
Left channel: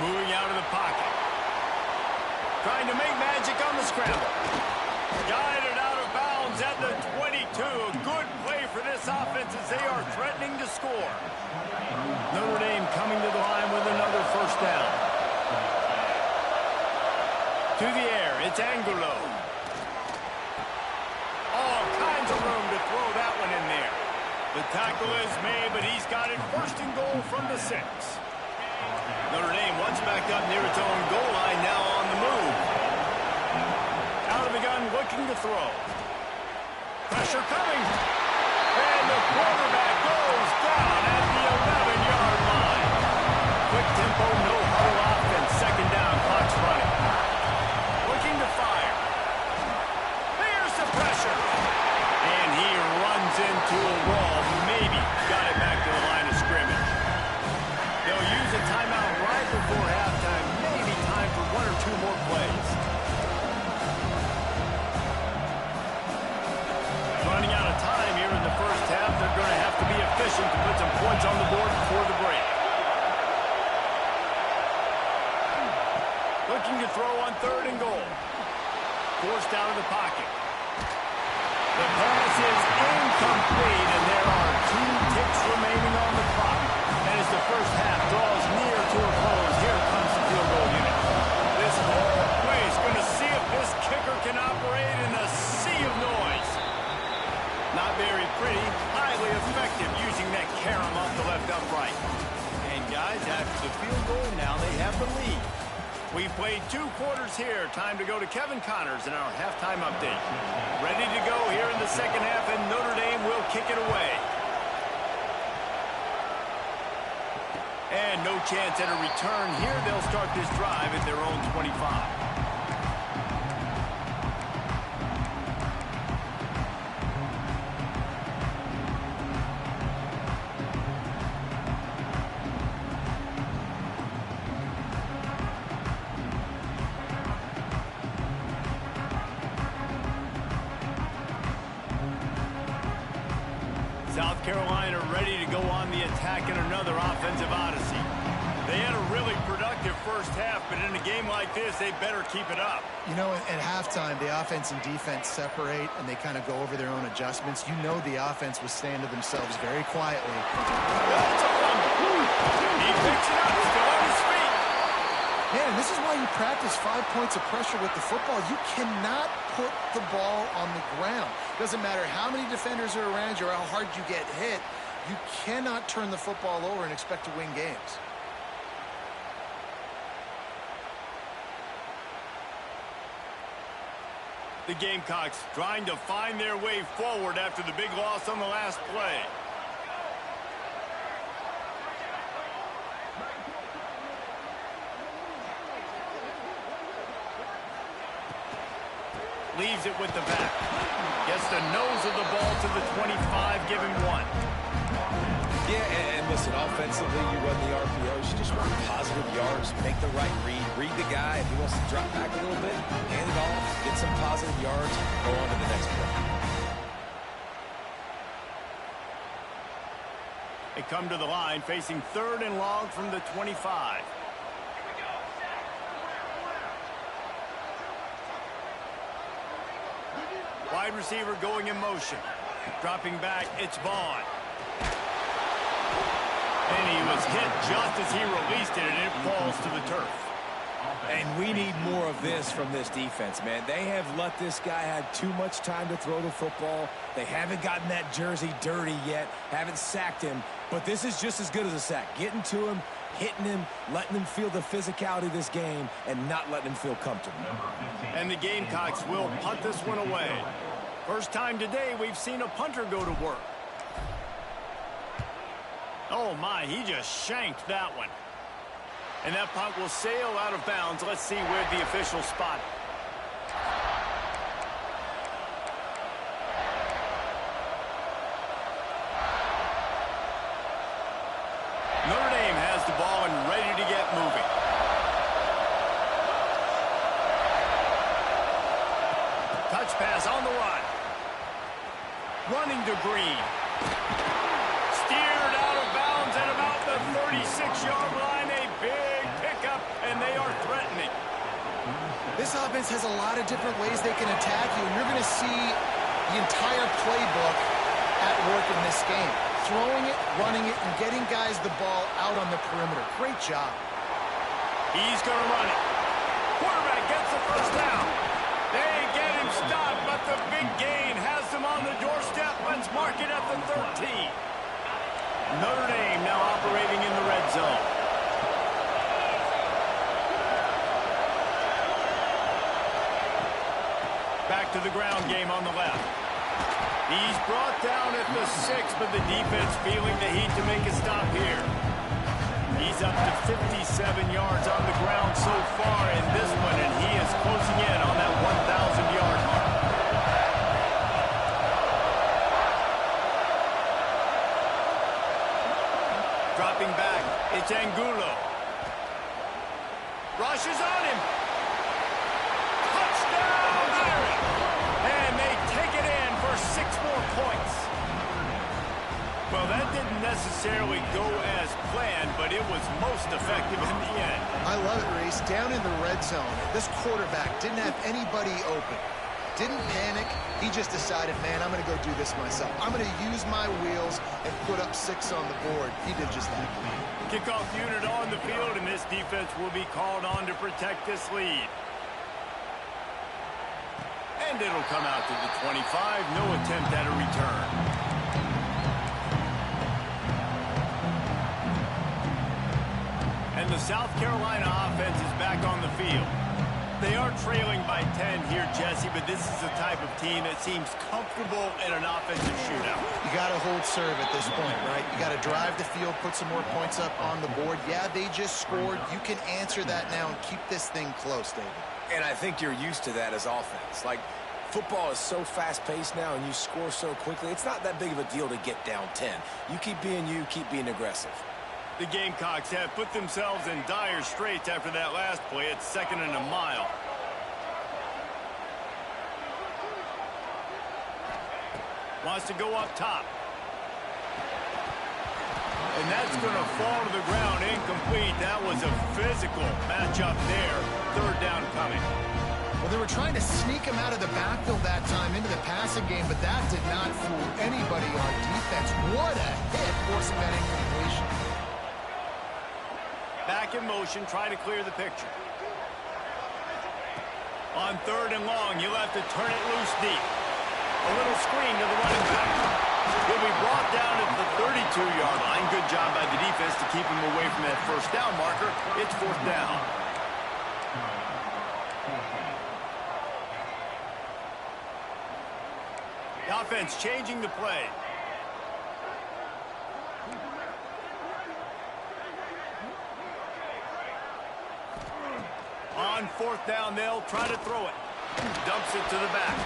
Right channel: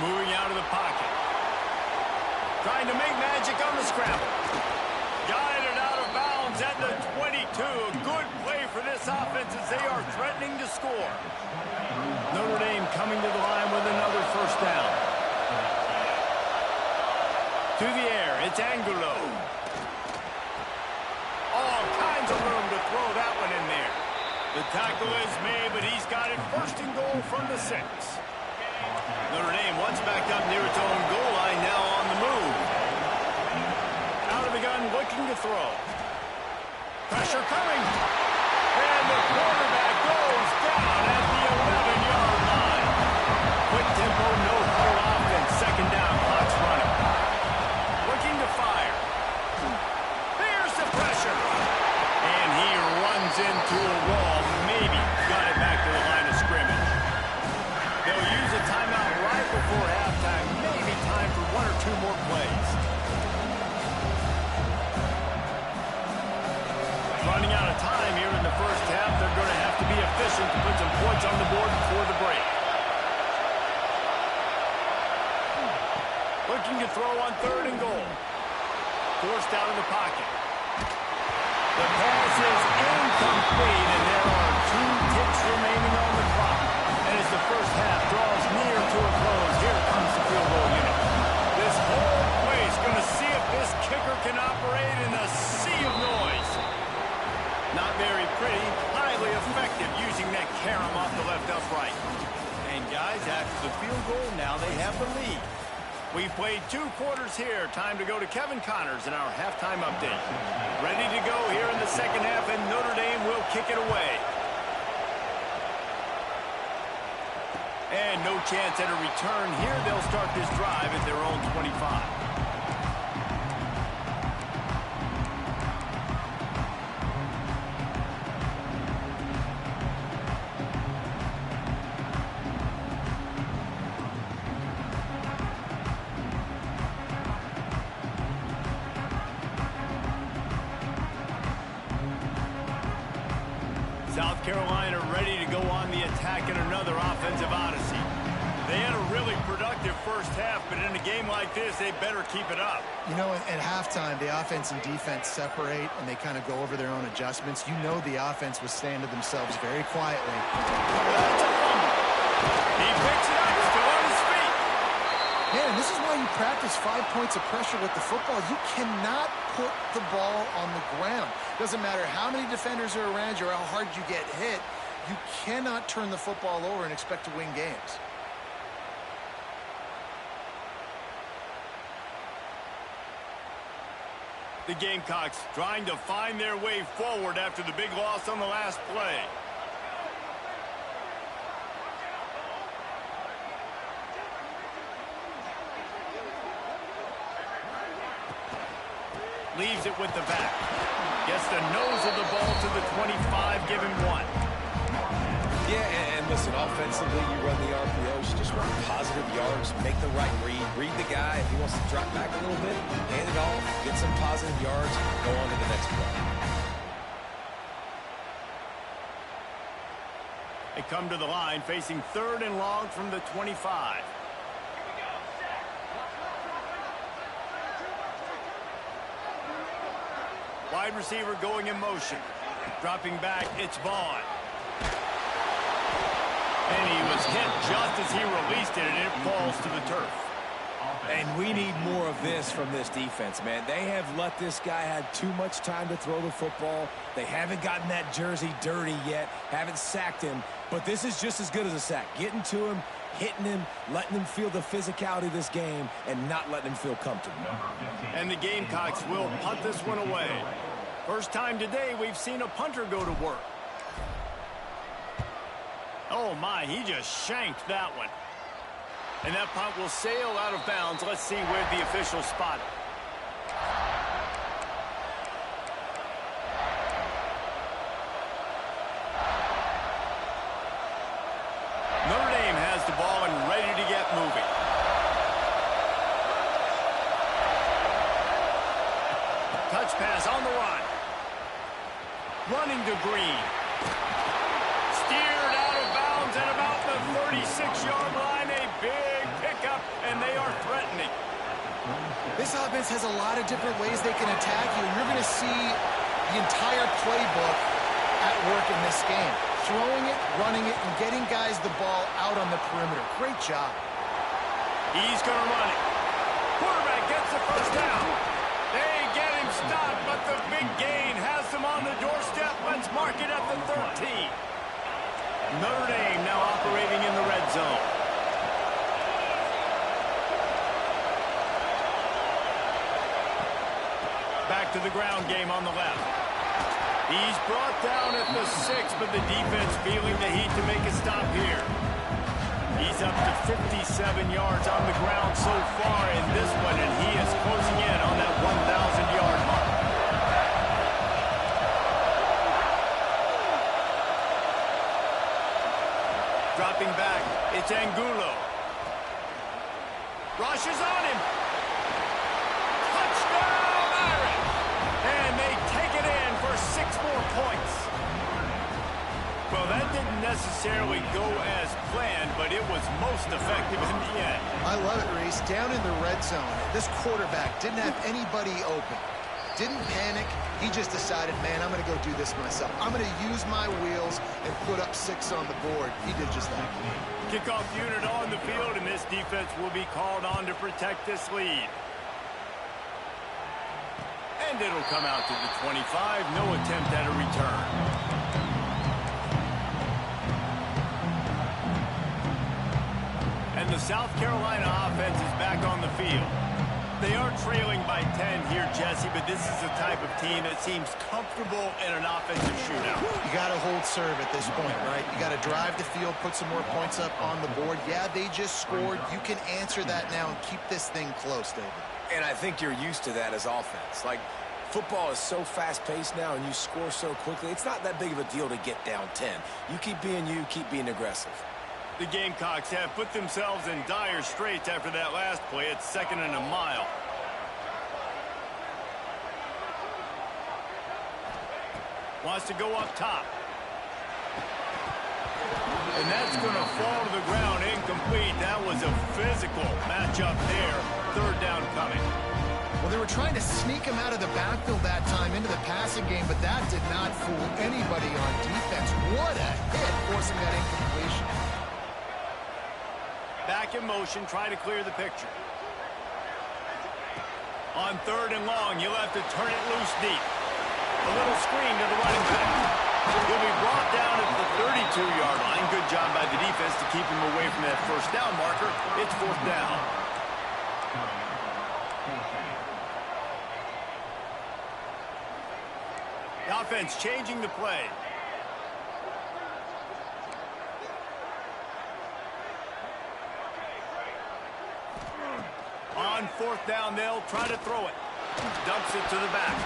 Moving out of the pocket. Trying to make magic on the scramble. Guided out of bounds at the 22. A good play for this offense as they are threatening to score. Notre Dame coming to the line with another first down. To the air, it's Angulo. All kinds of room to throw that one in there. The tackle is made, but he's got it first and goal from the 6. Notre Dame once backed up near its own goal line, now on the move. Out of the gun, looking to throw. Pressure coming. And the quarterback goes down at the 11-yard line. Quick tempo, no huddle offense. Second down, clock's running. Looking to fire. Here's the pressure. And he runs into a wall. Maybe got it back to the line of scrimmage. They'll use a timeout right before halftime. Maybe time for 1 or 2 more plays. Running out of time here in the first half. They're going to have to be efficient to put some points on the board before the break. Looking to throw on third and goal. Forced out of the pocket. The pass is incomplete, and there are 2 ticks remaining on the clock. And as the first half draws near to a close, here comes the field goal unit. This whole place going to see if this kicker can operate in a sea of noise. Not very pretty, highly effective using that carom off the left upright. And guys, after the field goal, now they have the lead. We played 2 quarters here. Time to go to Kevin Connors in our halftime update. Ready to go here in the second half, and Notre Dame will kick it away. And no chance at a return here. They'll start this drive at their own 25. South Carolina ready to go on the attack in another offensive odyssey. They had a really productive first half, but in a game like this, they better keep it up. You know, at halftime, the offense and defense separate, and they kind of go over their own adjustments. You know the offense was staying to themselves very quietly. That's a fumble. He picks it up, still on his feet. Man, and this is why you practice 5 points of pressure with the football. You cannot put the ball on the ground. Doesn't matter how many defenders are around you or how hard you get hit. You cannot turn the football over and expect to win games. The Gamecocks trying to find their way forward after the big loss on the last play. Leaves it with the back. Gets the nose of the ball to the 25, give him 1. Yeah, and listen, offensively, you run the RPOs. You just run positive yards, make the right read. Read the guy. If he wants to drop back a little bit, hand it off, get some positive yards, go on to the next play. They come to the line facing 3rd and long from the 25. Wide receiver going in motion. Dropping back, it's Vaughn. And he was hit just as he released it, and it falls to the turf. And we need more of this from this defense, man. They have let this guy have too much time to throw the football. They haven't gotten that jersey dirty yet, haven't sacked him. But this is just as good as a sack. Getting to him, hitting him, letting him feel the physicality of this game, and not letting him feel comfortable. And the Gamecocks will punt this one away. First time today we've seen a punter go to work. Oh my, he just shanked that one. And that punt will sail out of bounds. Let's see where the official spot it. Notre Dame has the ball and ready to get moving. Touch pass on the run. Running to Green. Steered out of bounds at about the 36-yard line. A big pickup, and they are threatening. This offense has a lot of different ways they can attack you, and you're going to see the entire playbook at work in this game. Throwing it, running it, and getting guys the ball out on the perimeter. Great job. He's going to run it. Quarterback gets the first down. They get him stopped, but the big gain has them on the doorstep. Let's mark it at the 13. Notre Dame now operating in the red zone. Back to the ground game on the left. He's brought down at the 6, but the defense feeling the heat to make a stop here. He's up to 57 yards on the ground so far in this one, and he is closing in on that 1,000-yard mark. Dropping back, it's Angulo. Rushes on him. Touchdown, Irish! And they take it in for 6 more points. Well, that didn't necessarily go as planned, but it was most effective in the end. I love it, Reese. Down in the red zone, this quarterback didn't have anybody open. Didn't panic. He just decided, man, I'm going to go do this myself. I'm going to use my wheels and put up 6 on the board. He did just that. Kickoff unit on the field, and this defense will be called on to protect this lead. And it'll come out to the 25. No attempt at a return. And the South Carolina offense is back on the field. They are trailing by 10 here, Jesse, but this is the type of team that seems comfortable in an offensive shootout. You got to hold serve at this point, right? You got to drive the field, put some more points up on the board. Yeah, they just scored. You can answer that now and keep this thing close, David. And I think you're used to that as offense. Like, football is so fast-paced now, and you score so quickly. It's not that big of a deal to get down 10. You keep being you, keep being aggressive. The Gamecocks have put themselves in dire straits after that last play. It's 2nd and a mile. Wants to go up top. And that's going to fall to the ground incomplete. That was a physical matchup there. 3rd down coming. Well, they were trying to sneak him out of the backfield that time into the passing game, but that did not fool anybody on defense. What a hit, forcing that incompletion. Back in motion, try to clear the picture. On 3rd and long, you'll have to turn it loose deep. A little screen to the running back. He'll be brought down at the 32-yard line. Good job by the defense to keep him away from that 1st down marker. It's 4th down. The offense changing the play. On 4th down, they'll try to throw it. Dumps it to the back.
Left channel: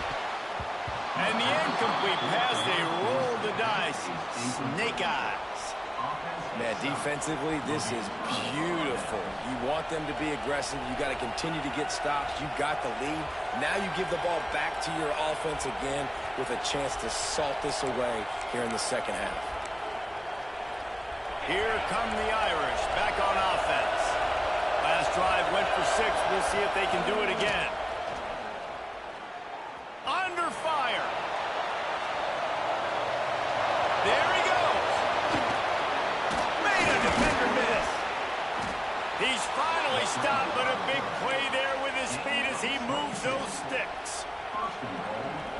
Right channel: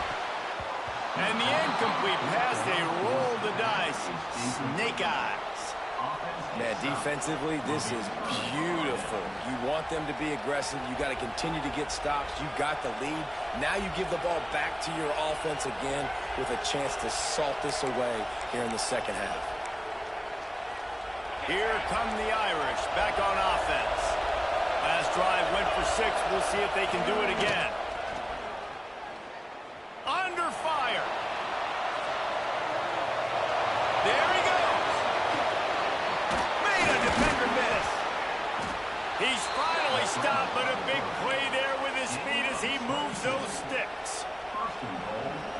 And the incomplete pass, they roll the dice. Snake eyes. Man, defensively, this is beautiful. You want them to be aggressive. You got to continue to get stops. You got the lead. Now you give the ball back to your offense again with a chance to salt this away here in the second half. Here come the Irish back on offense. Last drive went for 6. We'll see if they can do it again. Under fire. There he goes. Made a defender miss. He's finally stopped, but a big play there with his feet as he moves those sticks.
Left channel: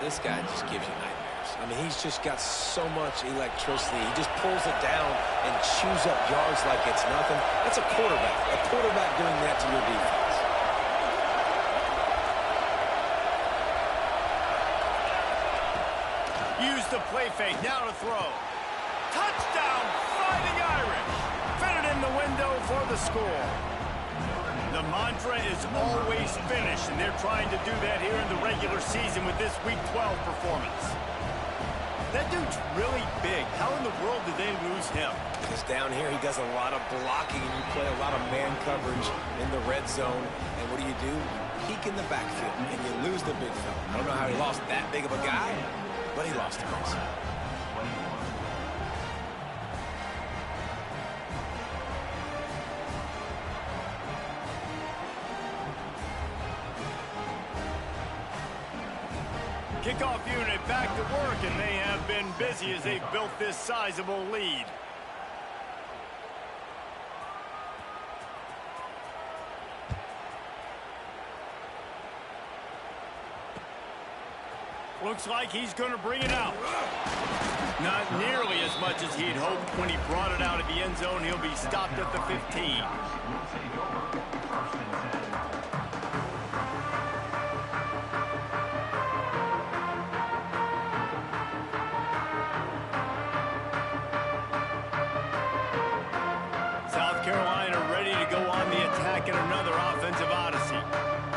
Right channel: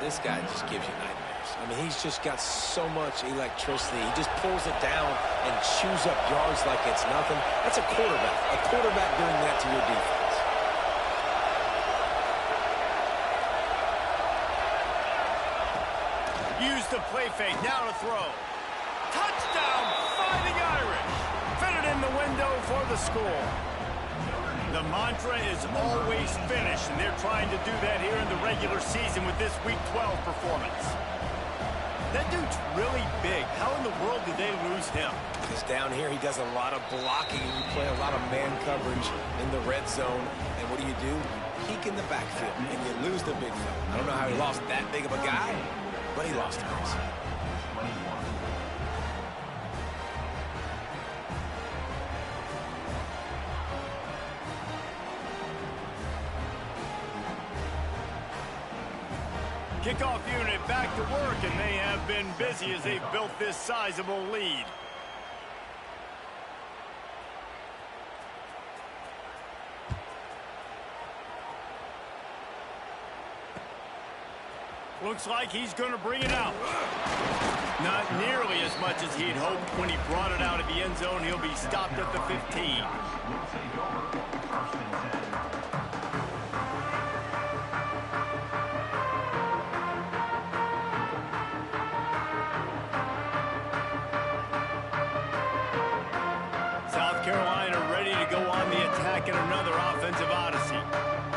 This guy just gives you nightmares. I mean, he's just got so much electricity. He just pulls it down and chews up yards like it's nothing. That's a quarterback. A quarterback doing that to your defense. Use the play fake, now to throw. Touchdown, Fighting Irish. Fit it in the window for the score. The mantra is always finish, and they're trying to do that here in the regular season with this Week 12 performance. That dude's really big. How in the world did they lose him? Because down here he does a lot of blocking, and you play a lot of man coverage in the red zone. And what do? You peek in the backfield, and you lose the big fella. I don't know how he lost that big of a guy, but he lost him. Kickoff unit back to work, and they have been busy as they've built this sizable lead. Looks like he's going to bring it out. Not nearly as much as he'd hoped when he brought it out of the end zone. He'll be stopped at the 15. South Carolina ready to go on the attack in another offensive odyssey.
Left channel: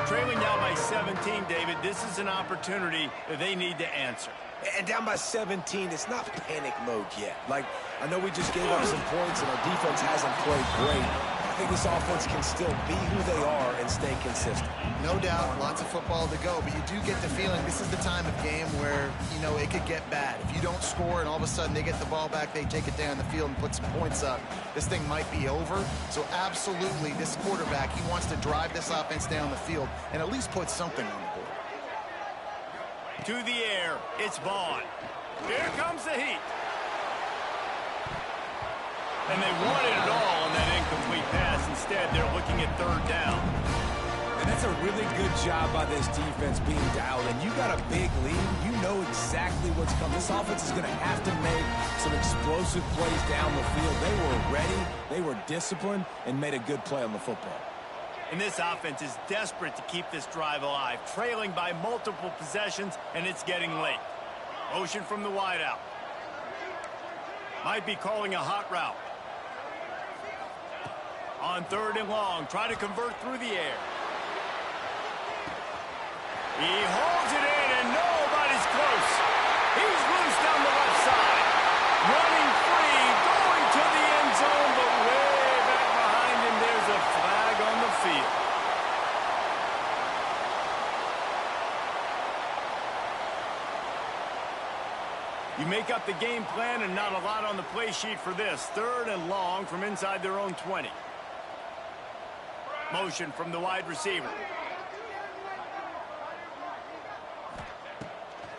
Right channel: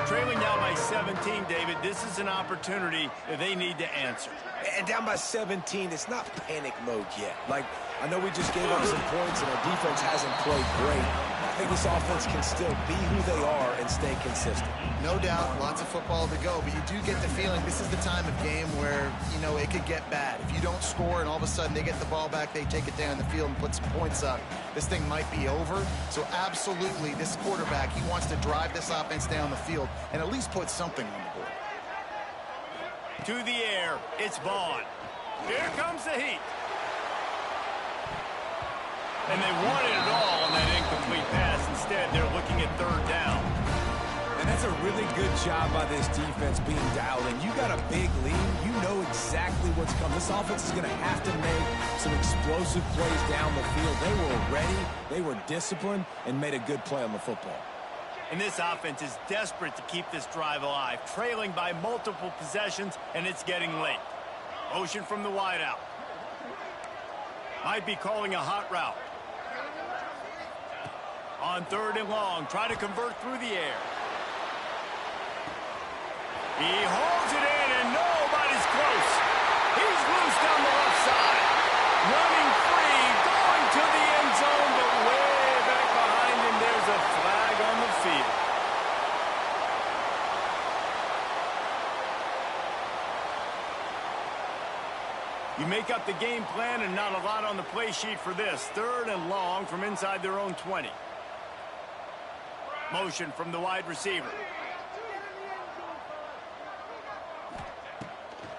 Trailing down by 17, David, this is an opportunity that they need to answer. And down by 17, it's not panic mode yet. Like, I know we just gave up some points and our defense hasn't played great. I think this offense can still be who they are and stay consistent. No doubt, lots of football to go, but you do get the feeling this is the time of game where, you know, it could get bad. If you don't score and all of a sudden they get the ball back, they take it down the field and put some points up, this thing might be over. So absolutely, this quarterback, he wants to drive this offense down the field and at least put something on the board. To the air, it's Vaughn. Here comes the heat. And they wanted it all on that incomplete pass. Instead, they're looking at third down. And that's a really good job by this defense being dialed in. You got a big lead. You know exactly what's coming. This offense is going to have to make some explosive plays down the field. They were ready, they were disciplined, and made a good play on the football. And this offense is desperate to keep this drive alive, trailing by multiple possessions, and it's getting late. Motion from the wideout. Might be calling a hot route. On third and long, try to convert through the air. He holds it in, and nobody's close. He's loose down the left side. Running free, going to the end zone, but way back behind him, there's a flag on the field. You make up the game plan and not a lot on the play sheet for this. Third and long from inside their own 20. Motion from the wide receiver.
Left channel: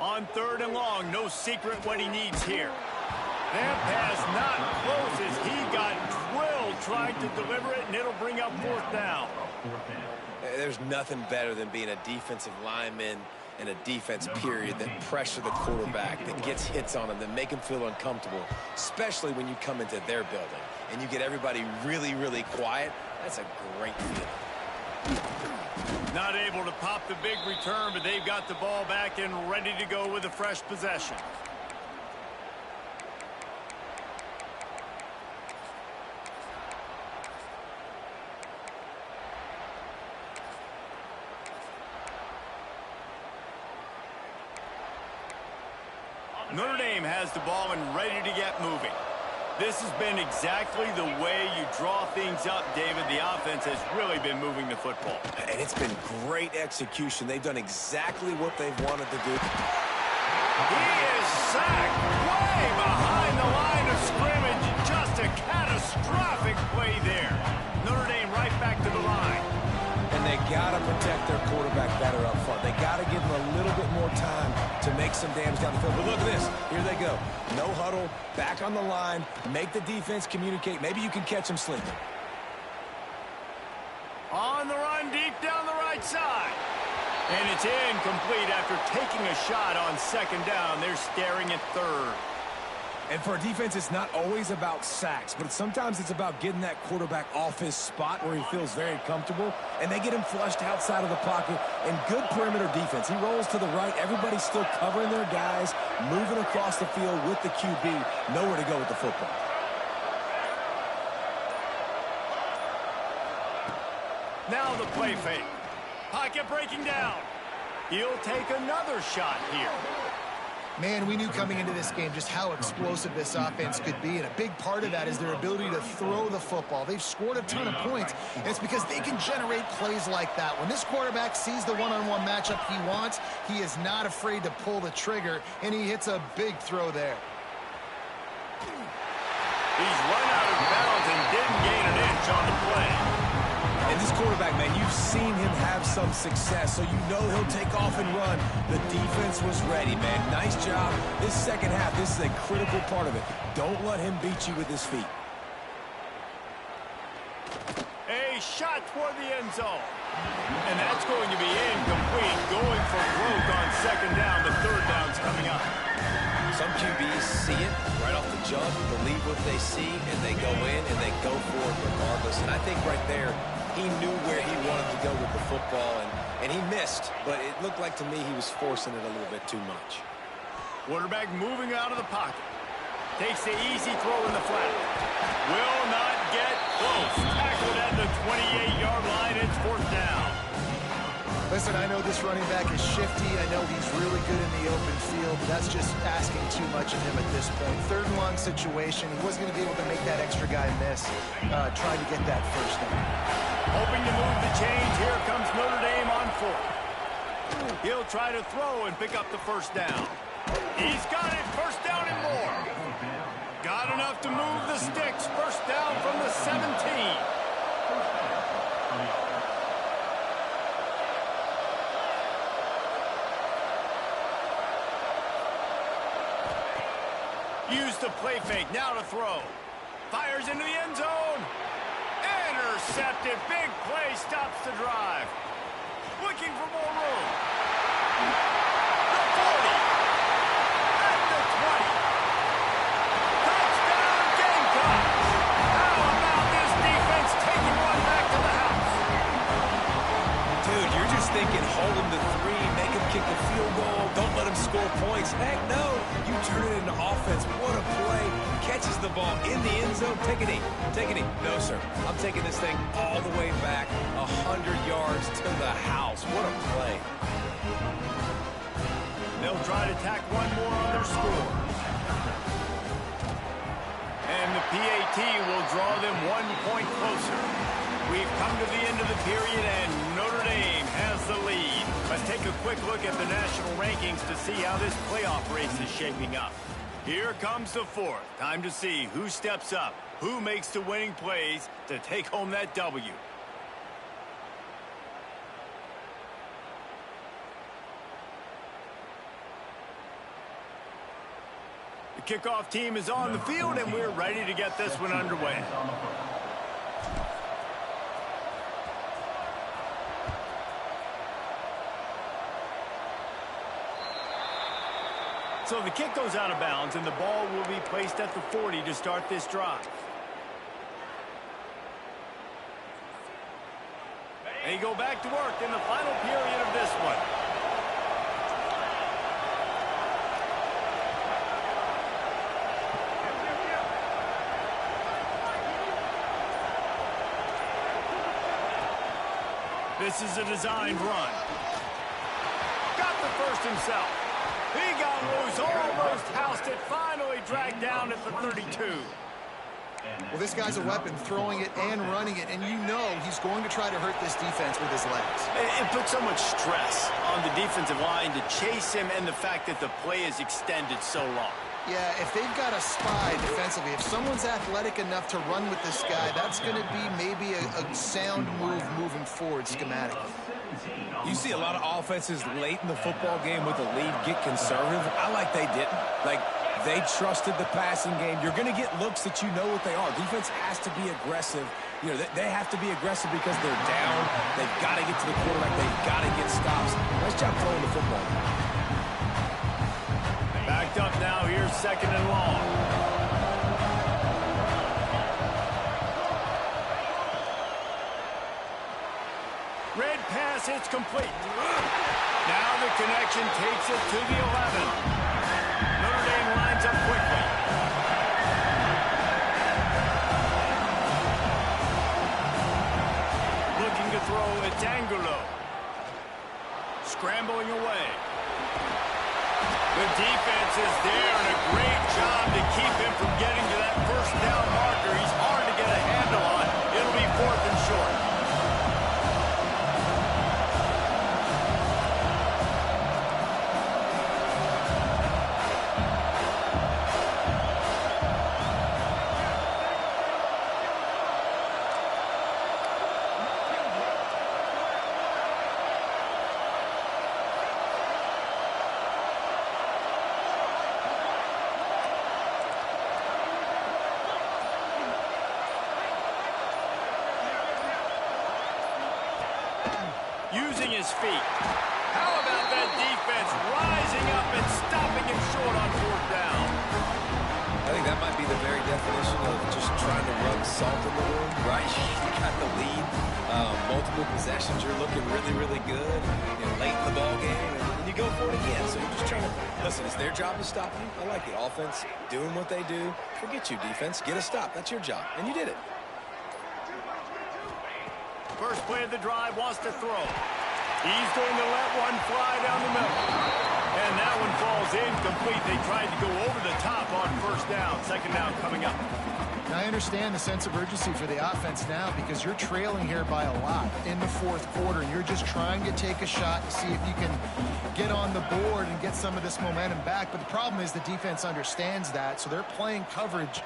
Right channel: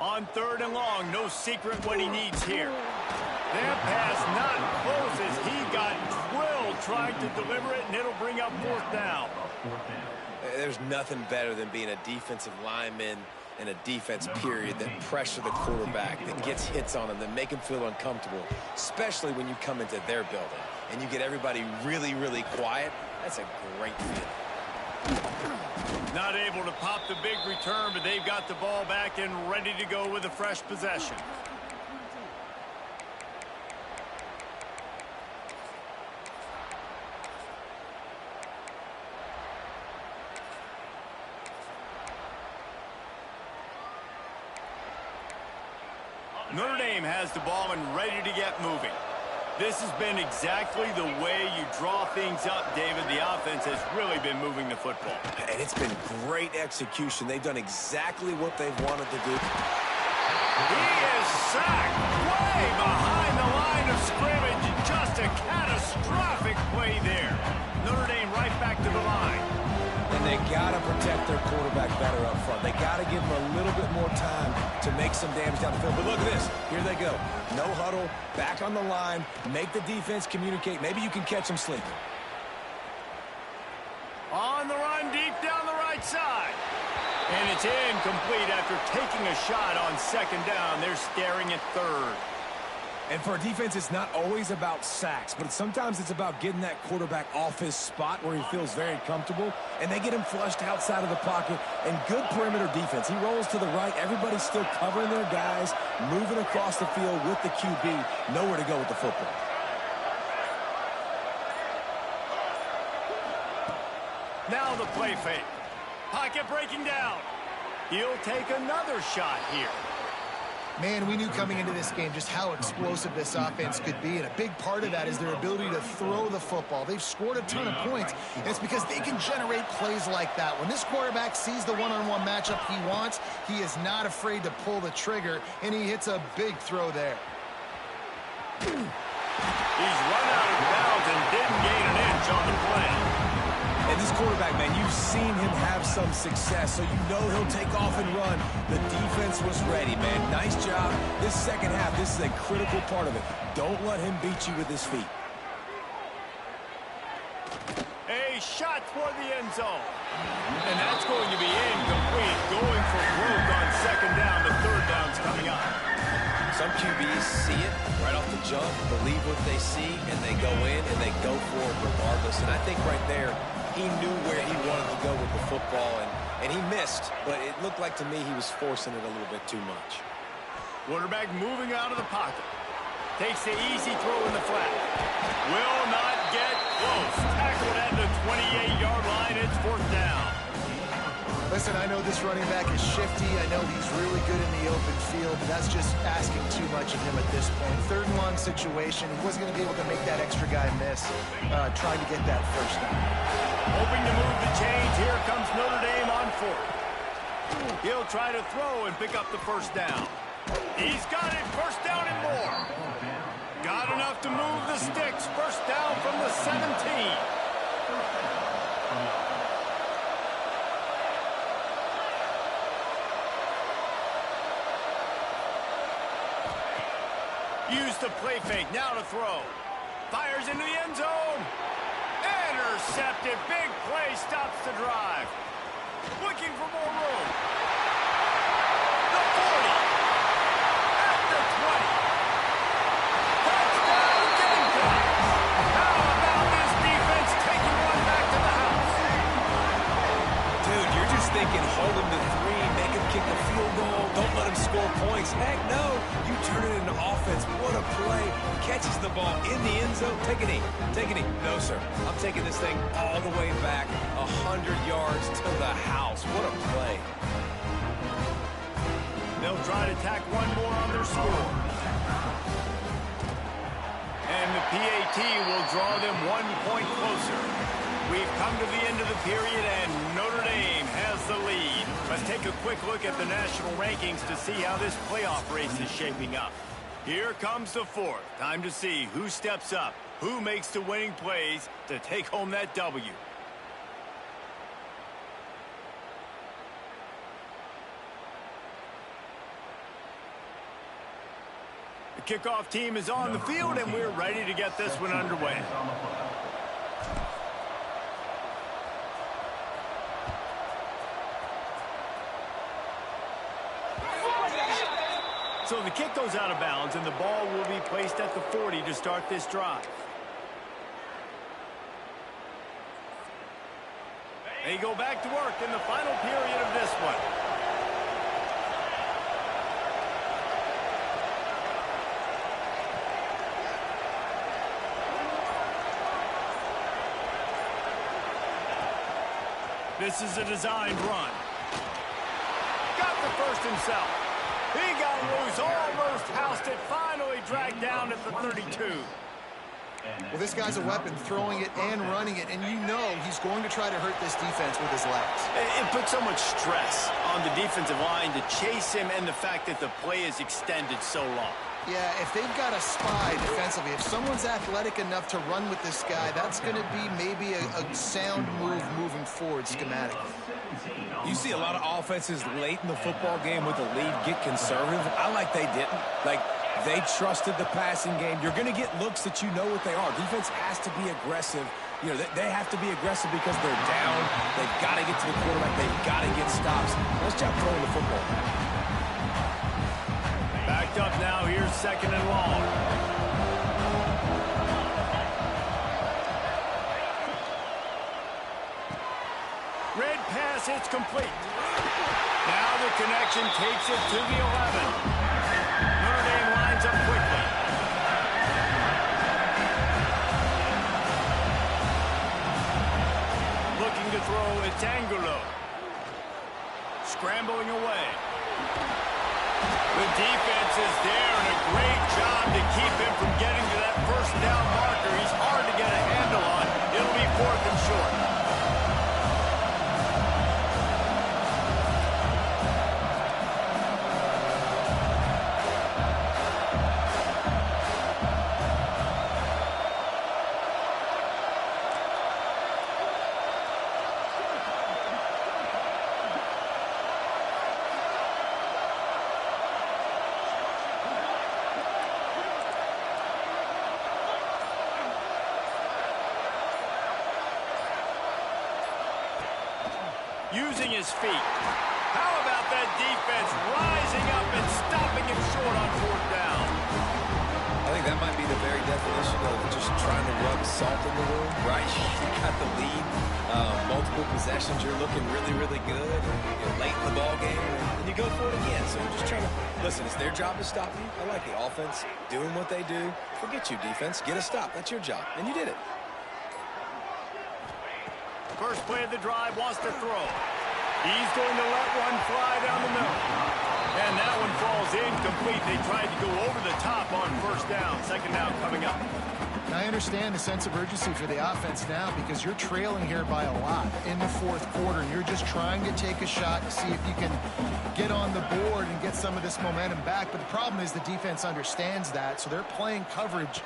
On third and long, no secret what he needs here. That pass not close as he got drilled trying to deliver it, and it'll bring up fourth down. There's nothing better than being a defensive lineman and a defense period that pressure the quarterback, that gets hits on him, that make him feel uncomfortable, especially when you come into their building and you get everybody really, really quiet. That's a great feeling. Not able to pop the big return, but they've got the ball back and ready to go with a fresh possession. Notre Dame has the ball and ready to get moving. This has been exactly the way you draw things up, David. The offense has really been moving the football. And it's been great execution. They've done exactly what they've wanted to do. He is sacked way behind the line of scrimmage. Just a catastrophic play there. Notre Dame right back to the line. And they got to protect their quarterback better up front. They got to give him a little bit more time to make some damage down the field. But look at this. Here they go. No huddle, back on the line, make the defense communicate. Maybe you can catch them sleeping. On the run, deep down the right side. And it's incomplete after taking a shot on second down. They're staring at third. And for a defense, it's not always about sacks, but sometimes it's about getting that quarterback off his spot where he feels very comfortable, and they get him flushed outside of the pocket. And good perimeter defense. He rolls to the right. Everybody's still covering their guys, moving across the field with the QB. Nowhere to go with the football. Now the play fake. Pocket breaking down. He'll take another shot here. Man, we knew coming into this game just how explosive this offense could be, and a big part of that is their ability to throw the football. They've scored a ton of points, and it's because they can generate plays like that. When this quarterback sees the one-on-one matchup he wants, he is not afraid to pull the trigger, and he hits a big throw there. He's run out of bounds and didn't gain an inch on the play. And this quarterback, man, you've seen him have some success, so you know he'll take off and run. The defense was ready, man. Nice job. This second half, this is a critical part of it. Don't let him beat you with his feet. A shot toward the end zone. And that's going to be incomplete. Going for broke on second down. The third down's coming up. Some QBs see it right off the jump, believe what they see, and they go in and they go for it regardless. And I think right there, he knew where he wanted to go with the football, and he missed. But it looked like to me he was forcing it a little bit too much. Quarterback moving out of the pocket. Takes the easy throw in the flat. Will not get close. Tackled at the 28-yard line. It's fourth down. Listen, I know this running back is shifty. I know he's really good in the open field, but that's just asking too much of him at this point. Third and long situation. He wasn't going to be able to make that extra guy miss, trying to get that first down. Hoping to move the chains. Here comes Notre Dame on fourth. He'll try to throw and pick up the first down. He's got it. First down and more. Got enough to move the sticks. First down from the 17. Use the play fake. Now to throw. Fires into the end zone. Intercepted. Big play. Stops the drive. Looking for more room. The 40. At the 20. Touchdown Gamecocks. How about this defense taking one back to the house? Dude, you're just thinking hold him to 3, make him kick a field goal, don't let him score points. Heck no, you turn it into offense. What a play. Catches the ball in the end zone. Take a knee. Take a knee. No, sir. I'm taking this thing all the way back 100 yards to the house. What a play. They'll try to tack one more on their score. And the PAT will draw them 1 point closer. We've come to the end of the period, and Notre Dame has the lead. Let's take a quick look at the national rankings to see how this playoff race is shaping up. Here comes the fourth. Time to see who steps up, who makes the winning plays to take home that W. The kickoff team is on the field, and we're ready to get this one underway. So the kick goes out of bounds, and the ball will be placed at the 40 to start this drive. They go back to work in the final period of this one. This is a designed run. Got the first himself. He got loose, almost housed it, finally dragged down at the 32. Well, this guy's a weapon, throwing it and running it, and you know he's going to try to hurt this defense with his legs. It puts so much stress on the defensive line to chase him and the fact that the play is extended so long. Yeah, if they've got a spy defensively, if someone's athletic enough to run with this guy, that's going to be maybe a sound move moving forward schematically. You see a lot of offenses late in the football game with the lead get conservative. I like they didn't. Like, they trusted the passing game. You're going to get looks that you know what they are. Defense has to be aggressive. You know, they have to be aggressive because they're down. They've got to get to the quarterback. They've got to get stops. Nice job throwing the football. Backed up now, here's 2nd and long. Red pass, it's complete. Now the connection takes it to the 11. Notre Dame lines up quickly. Looking to throw, it's Angulo. Scrambling away. The defense is there, and a great job to keep him from getting to that first down marker. He's hard to get a handle on. It'll be 4th and short. Using his feet. How about that defense rising up and stopping him short on 4th down? I think that might be the very definition of just trying to rub salt in the wound, right? You got the lead, multiple possessions, you're looking really, really good, late in the ball game, and you go for it again. So you're just trying to, listen, it's their job to stop you. I like the offense doing what they do. Forget you, defense. Get a stop. That's your job, and you did it. First play of the drive, wants to throw. He's going to let one fly down the middle. And that one falls incomplete. They tried to go over the top on 1st down. 2nd down coming up. Now, I understand the sense of urgency for the offense now because you're trailing here by a lot in the 4th quarter. And you're just trying to take a shot to see if you can get on the board and get some of this momentum back. But the problem is the defense understands that, so they're playing coverage,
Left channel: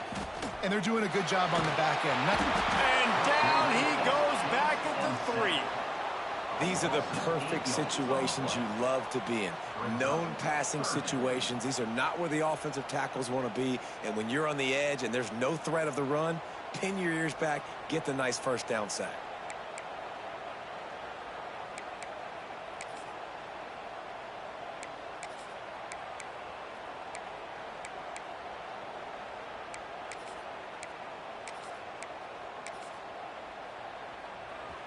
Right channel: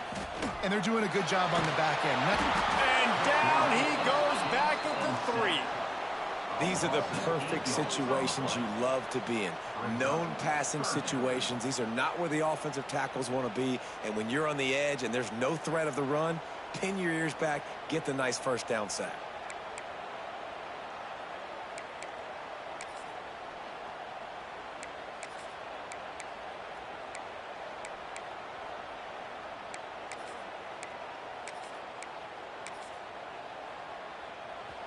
and they're doing a good job on the back end. And down he goes back at the 3. These are the perfect situations you love to be in. Known passing situations. These are not where the offensive tackles want to be. And when you're on the edge and there's no threat of the run, pin your ears back, get the nice 1st down sack.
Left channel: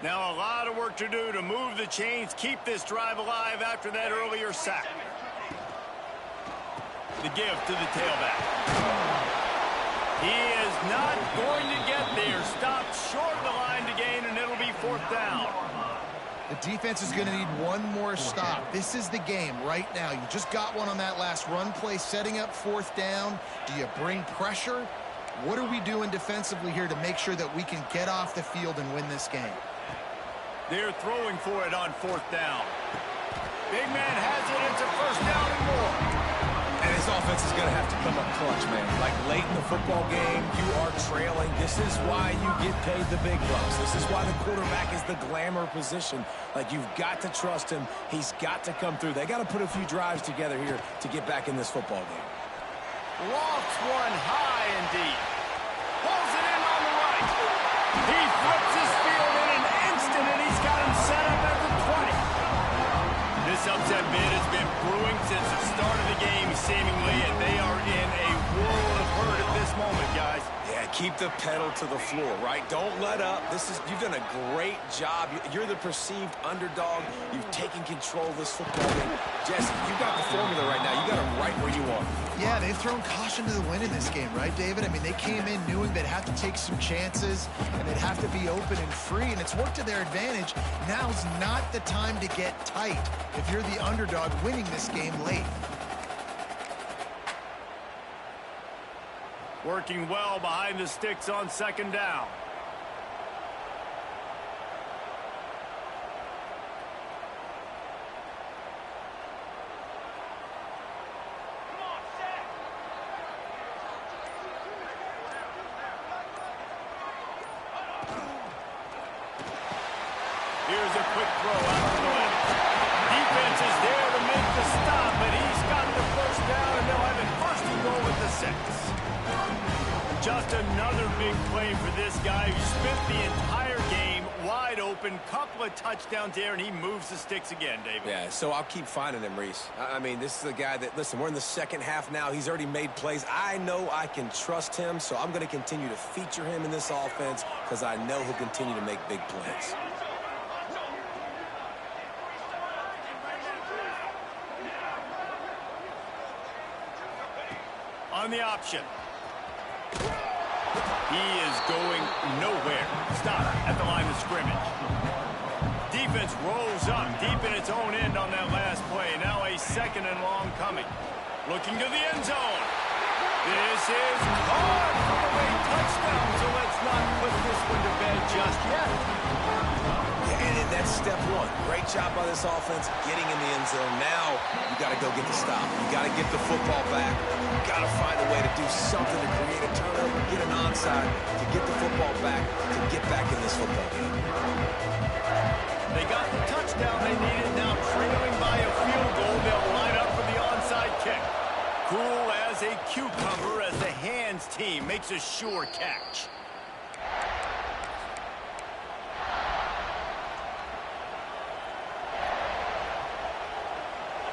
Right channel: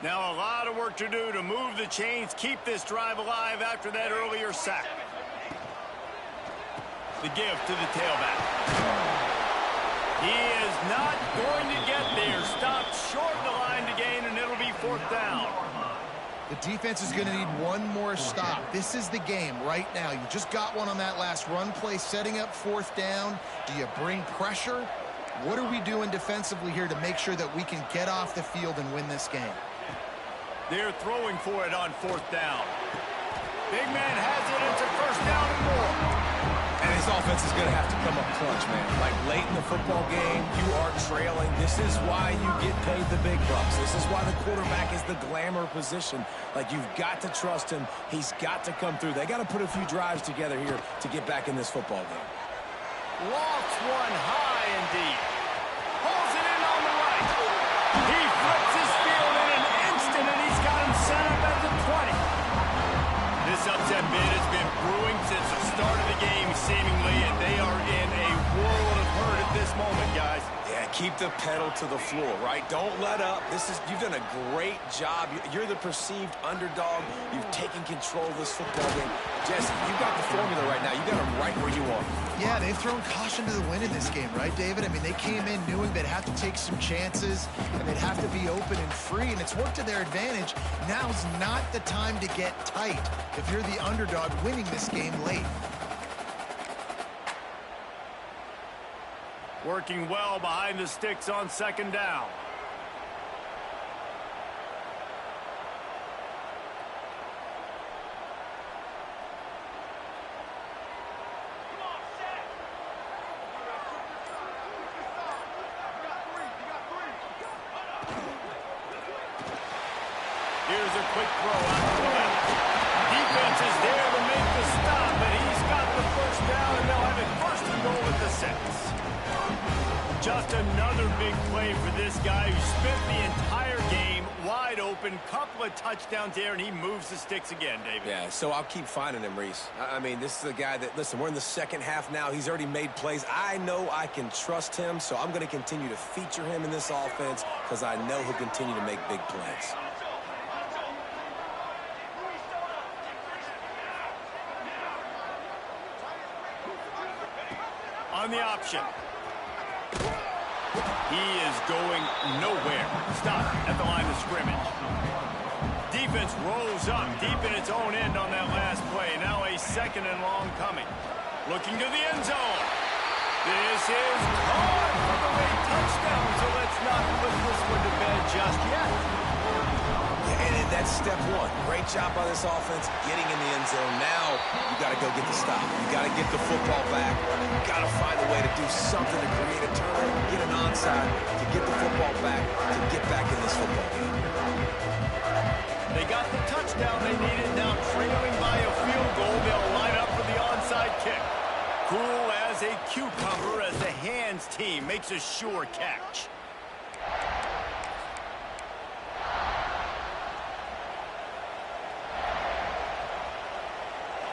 Now a lot of work to do to move the chains, keep this drive alive after that earlier sack. The give to the tailback. He is not going to get there. Stopped short of the line to gain, and it'll be 4th down. The defense is going to need one more stop. This is the game right now. You just got one on that last run play, setting up 4th down. Do you bring pressure? What are we doing defensively here to make sure that we can get off the field and win this game? They're throwing for it on 4th down. Big man has it. It's a 1st down and more. And his offense is going to have to come up clutch, man. Like late in the football game, you are trailing. This is why you get paid the big bucks. This is why the quarterback is the glamour position. Like, you've got to trust him. He's got to come through. They got to put a few drives together here to get back in this football game. Lofts one high and deep. Pulls it in on the right. He flips his field in an instant, and he's got him set up at the 20. This upset bid has been brewing since the start of the game, seemingly, and they are in a world of hurt at this moment, guys. Yeah, keep the pedal to the floor, right? Don't let up. You've done a great job. You're the perceived underdog. You've taken control of this football game. Jesse, you got the formula right now. You got them right where you want. Yeah, they've thrown caution to the wind in this game, right, David? I mean, they came in knowing they'd have to take some chances and they'd have to be open and free, and it's worked to their advantage. Now's not the time to get tight if you're the underdog winning this game late. Working well behind the sticks on second down. Come on, set. Here's a quick throw out to the left. Defense is there to make the stop, but he's got the first down, and they'll have it first and goal at the 6. Just another big play for this guy who spent the entire game wide open. Couple of touchdowns there, and he moves the sticks again, David. Yeah, so I'll keep finding him, Reese. I mean, this is a guy that, listen, we're in the second half now. He's already made plays. I know I can trust him, so I'm going to continue to feature him in this offense because I know he'll continue to make big plays. On the option. He is going nowhere. Stop at the line of scrimmage. Defense rolls up deep in its own end on that last play. Now a second and long coming. Looking to the end zone. This is caught for the late touchdown, so let's not put this one to bed just yet. And that's step one. Great job by this offense getting in the end zone. Now you got to go get the stop. You got to get the football back. You got to find a way to do something to create a turnover, get an onside, to get the football back, to get back in this football game. They got the touchdown they needed. Now trailing by a field goal, they'll line up for the onside kick. Cool as a cucumber as the hands team makes a sure catch.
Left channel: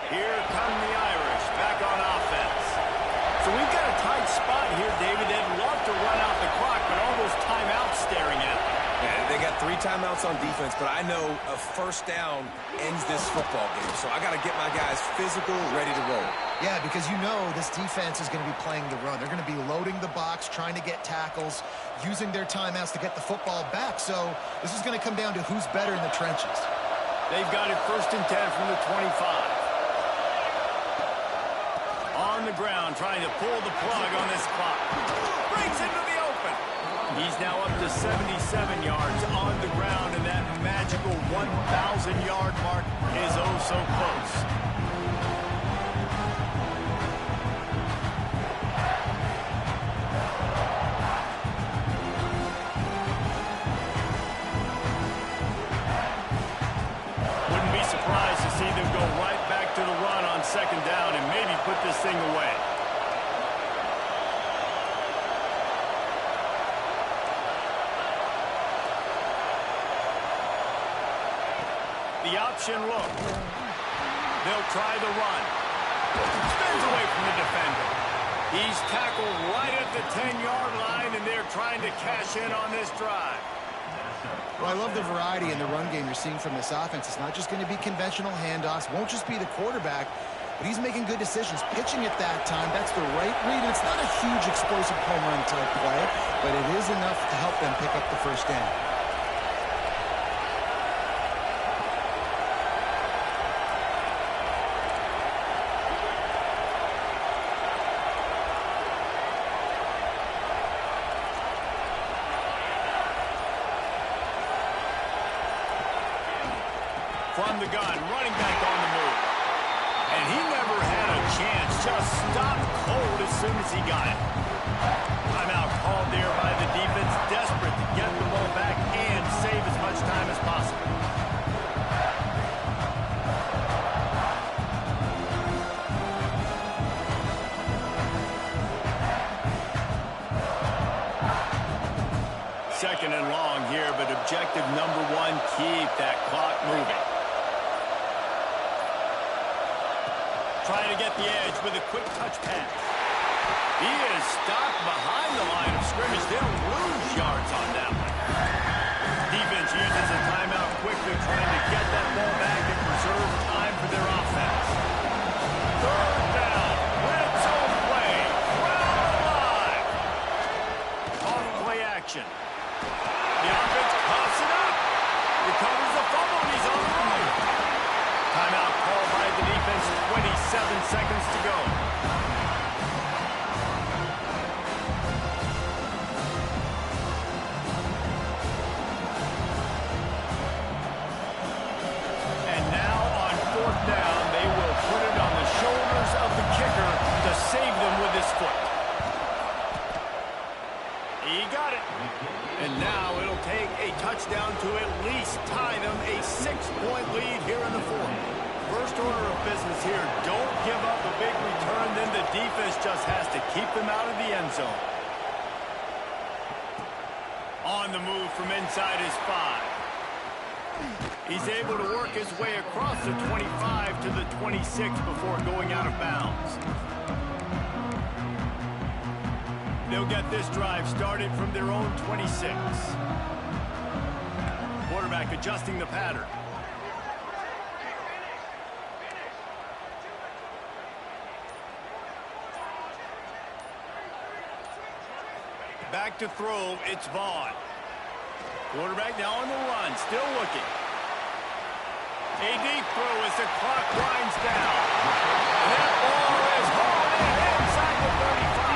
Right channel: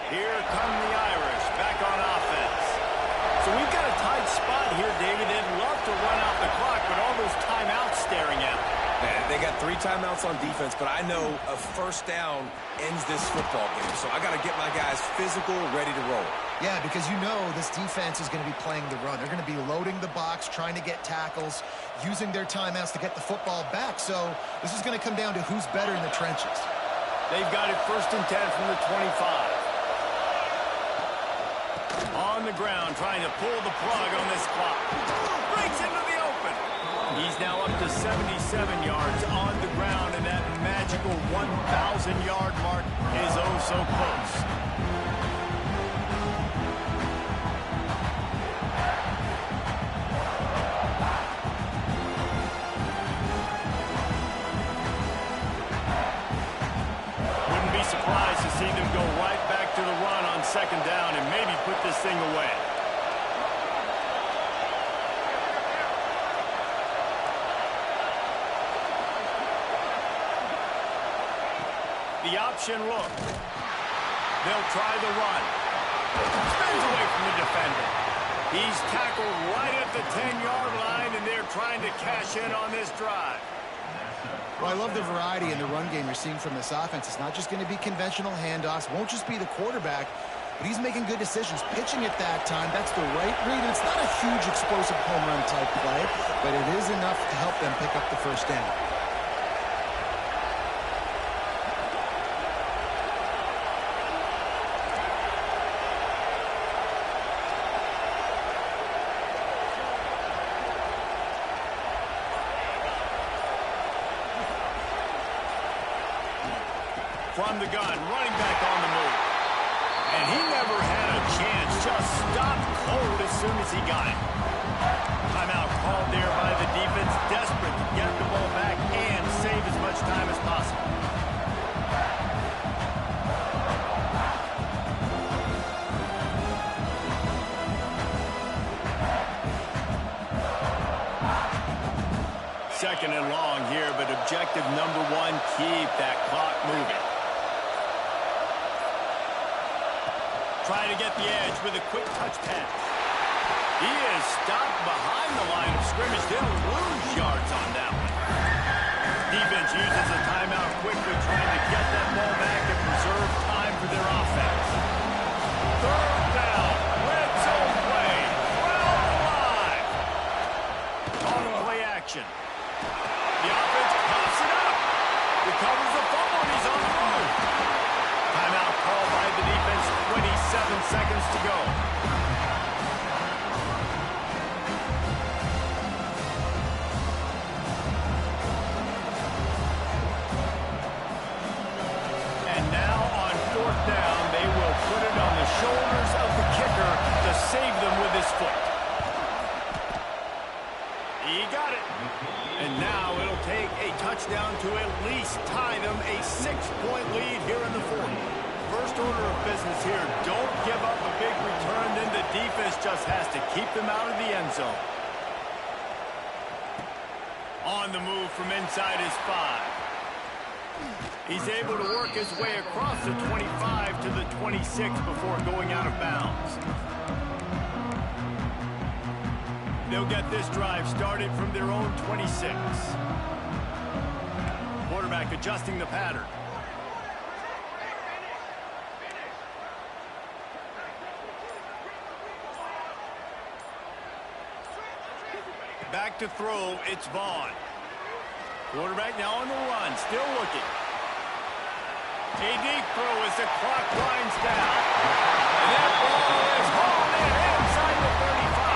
Here come the Irish back on offense. So we've got a tight spot here, David. They'd love to run out the clock, but all those timeouts staring at them. Yeah, they got 3 timeouts on defense, but I know a first down ends this football game. So I got to get my guys physical, ready to roll. Yeah, because you know this defense is going to be playing the run. They're going to be loading the box, trying to get tackles, using their timeouts to get the football back. So this is going to come down to who's better in the trenches. They've got it first and 10 from the 25. On the ground, trying to pull the plug on this clock. Breaks into the open. He's now up to 77 yards on the ground, and that magical 1,000-yard mark is oh so close. Wouldn't be surprised to see them go right back to the run on second down and maybe put this thing away. The option look. They'll try the run. Spins away from the defender. He's tackled right at the 10-yard line, and they're trying to cash in on this drive. Well, I love the variety in the run game you're seeing from this offense. It's not just going to be conventional handoffs. Won't just be the quarterback, but he's making good decisions. Pitching at that time, that's the right read. And it's not a huge explosive home run type play, but it is enough to help them pick up the first down. From the gun, running back on the move. And he never had a chance, just stopped cold as soon as he got it. Timeout called there by the defense, desperate to get the ball back and save as much time as possible. Second and long here, but objective number one, keep that clock moving. Trying to get the edge with a quick touch pass. He is stopped behind the line of scrimmage. They'll lose yards on that one. Defense uses a timeout quickly, trying to get that ball back and preserve time for their offense. Third down, red zone play, crowd alive. On play action. The offense coughs it up. Recovers the fumble, and he's on the move. Timeout called by the defense, 27 seconds to go. to save them with his foot. He got it. And now it'll take a touchdown to at least tie them a 6-point lead here in the fourth. First order of business here, don't give up a big return, then the defense just has to keep them out of the end zone. On the move from inside his 5. He's able to work his way across the 25 to the 26 before going out of bounds. They'll get this drive started from their own 26. Quarterback adjusting the pattern. Back to throw, it's Vaughn. Quarterback now on the run, still looking. A deep throw as the clock winds down. And that ball is hauled in inside the 35.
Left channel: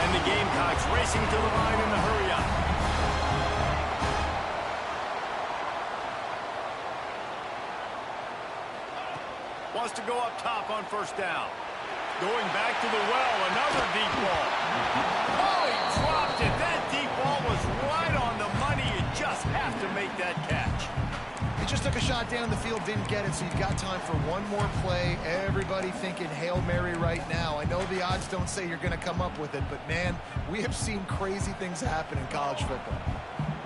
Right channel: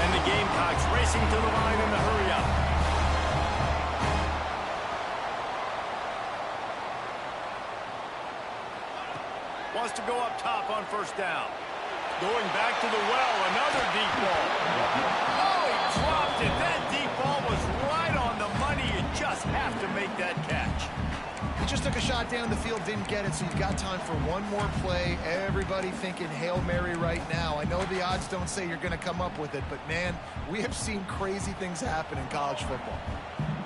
And the Gamecocks racing to the line in the hurry-up. Wants to go up top on first down. Going back to the well, another deep ball. Oh, he dropped it. That deep ball was right on the money. You just have to make that catch. He just took a shot down the field, didn't get it, so you've got time for one more play. Everybody thinking Hail Mary right now. I know the odds don't say you're going to come up with it, but, man, we have seen crazy things happen in college football.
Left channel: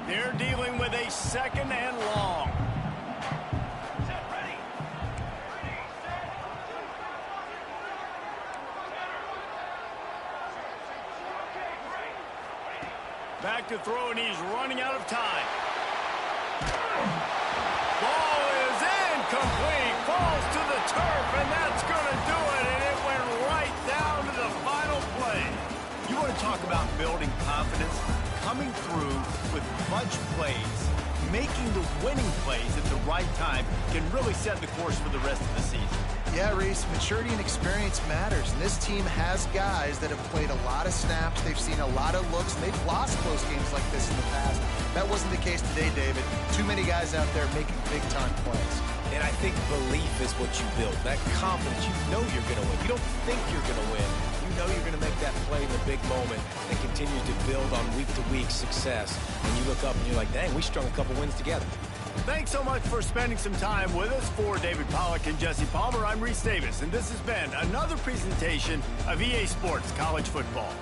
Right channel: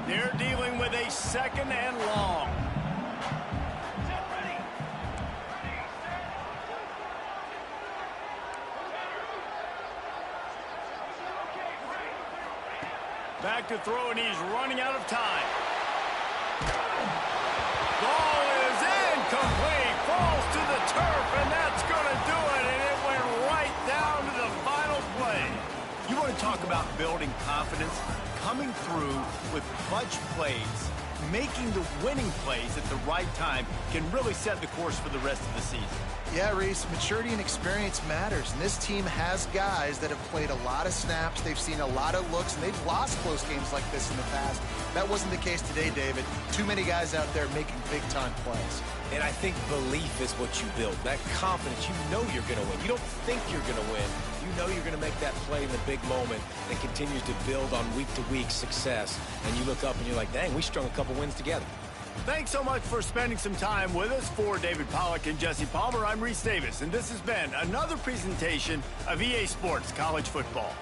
They're dealing with a 2nd and long. Back to throw, and he's running out of time. Ball is incomplete. Falls to the turf, and that's going to do it. And it went right down to the final play. You want to talk about building confidence? Coming through with clutch plays, making the winning plays at the right time can really set the course for the rest of the season. Yeah, Reese, maturity and experience matters, and this team has guys that have played a lot of snaps, they've seen a lot of looks, and they've lost close games like this in the past. That wasn't the case today, David. Too many guys out there making big-time plays. And I think belief is what you build. That confidence, you know you're going to win. You don't think you're going to win. You know you're going to make that play in the big moment and continue to build on week-to-week success. And you look up and you're like, dang, we strung a couple wins together. Thanks so much for spending some time with us. For David Pollack and Jesse Palmer, I'm Reese Davis, and this has been another presentation of EA Sports College Football.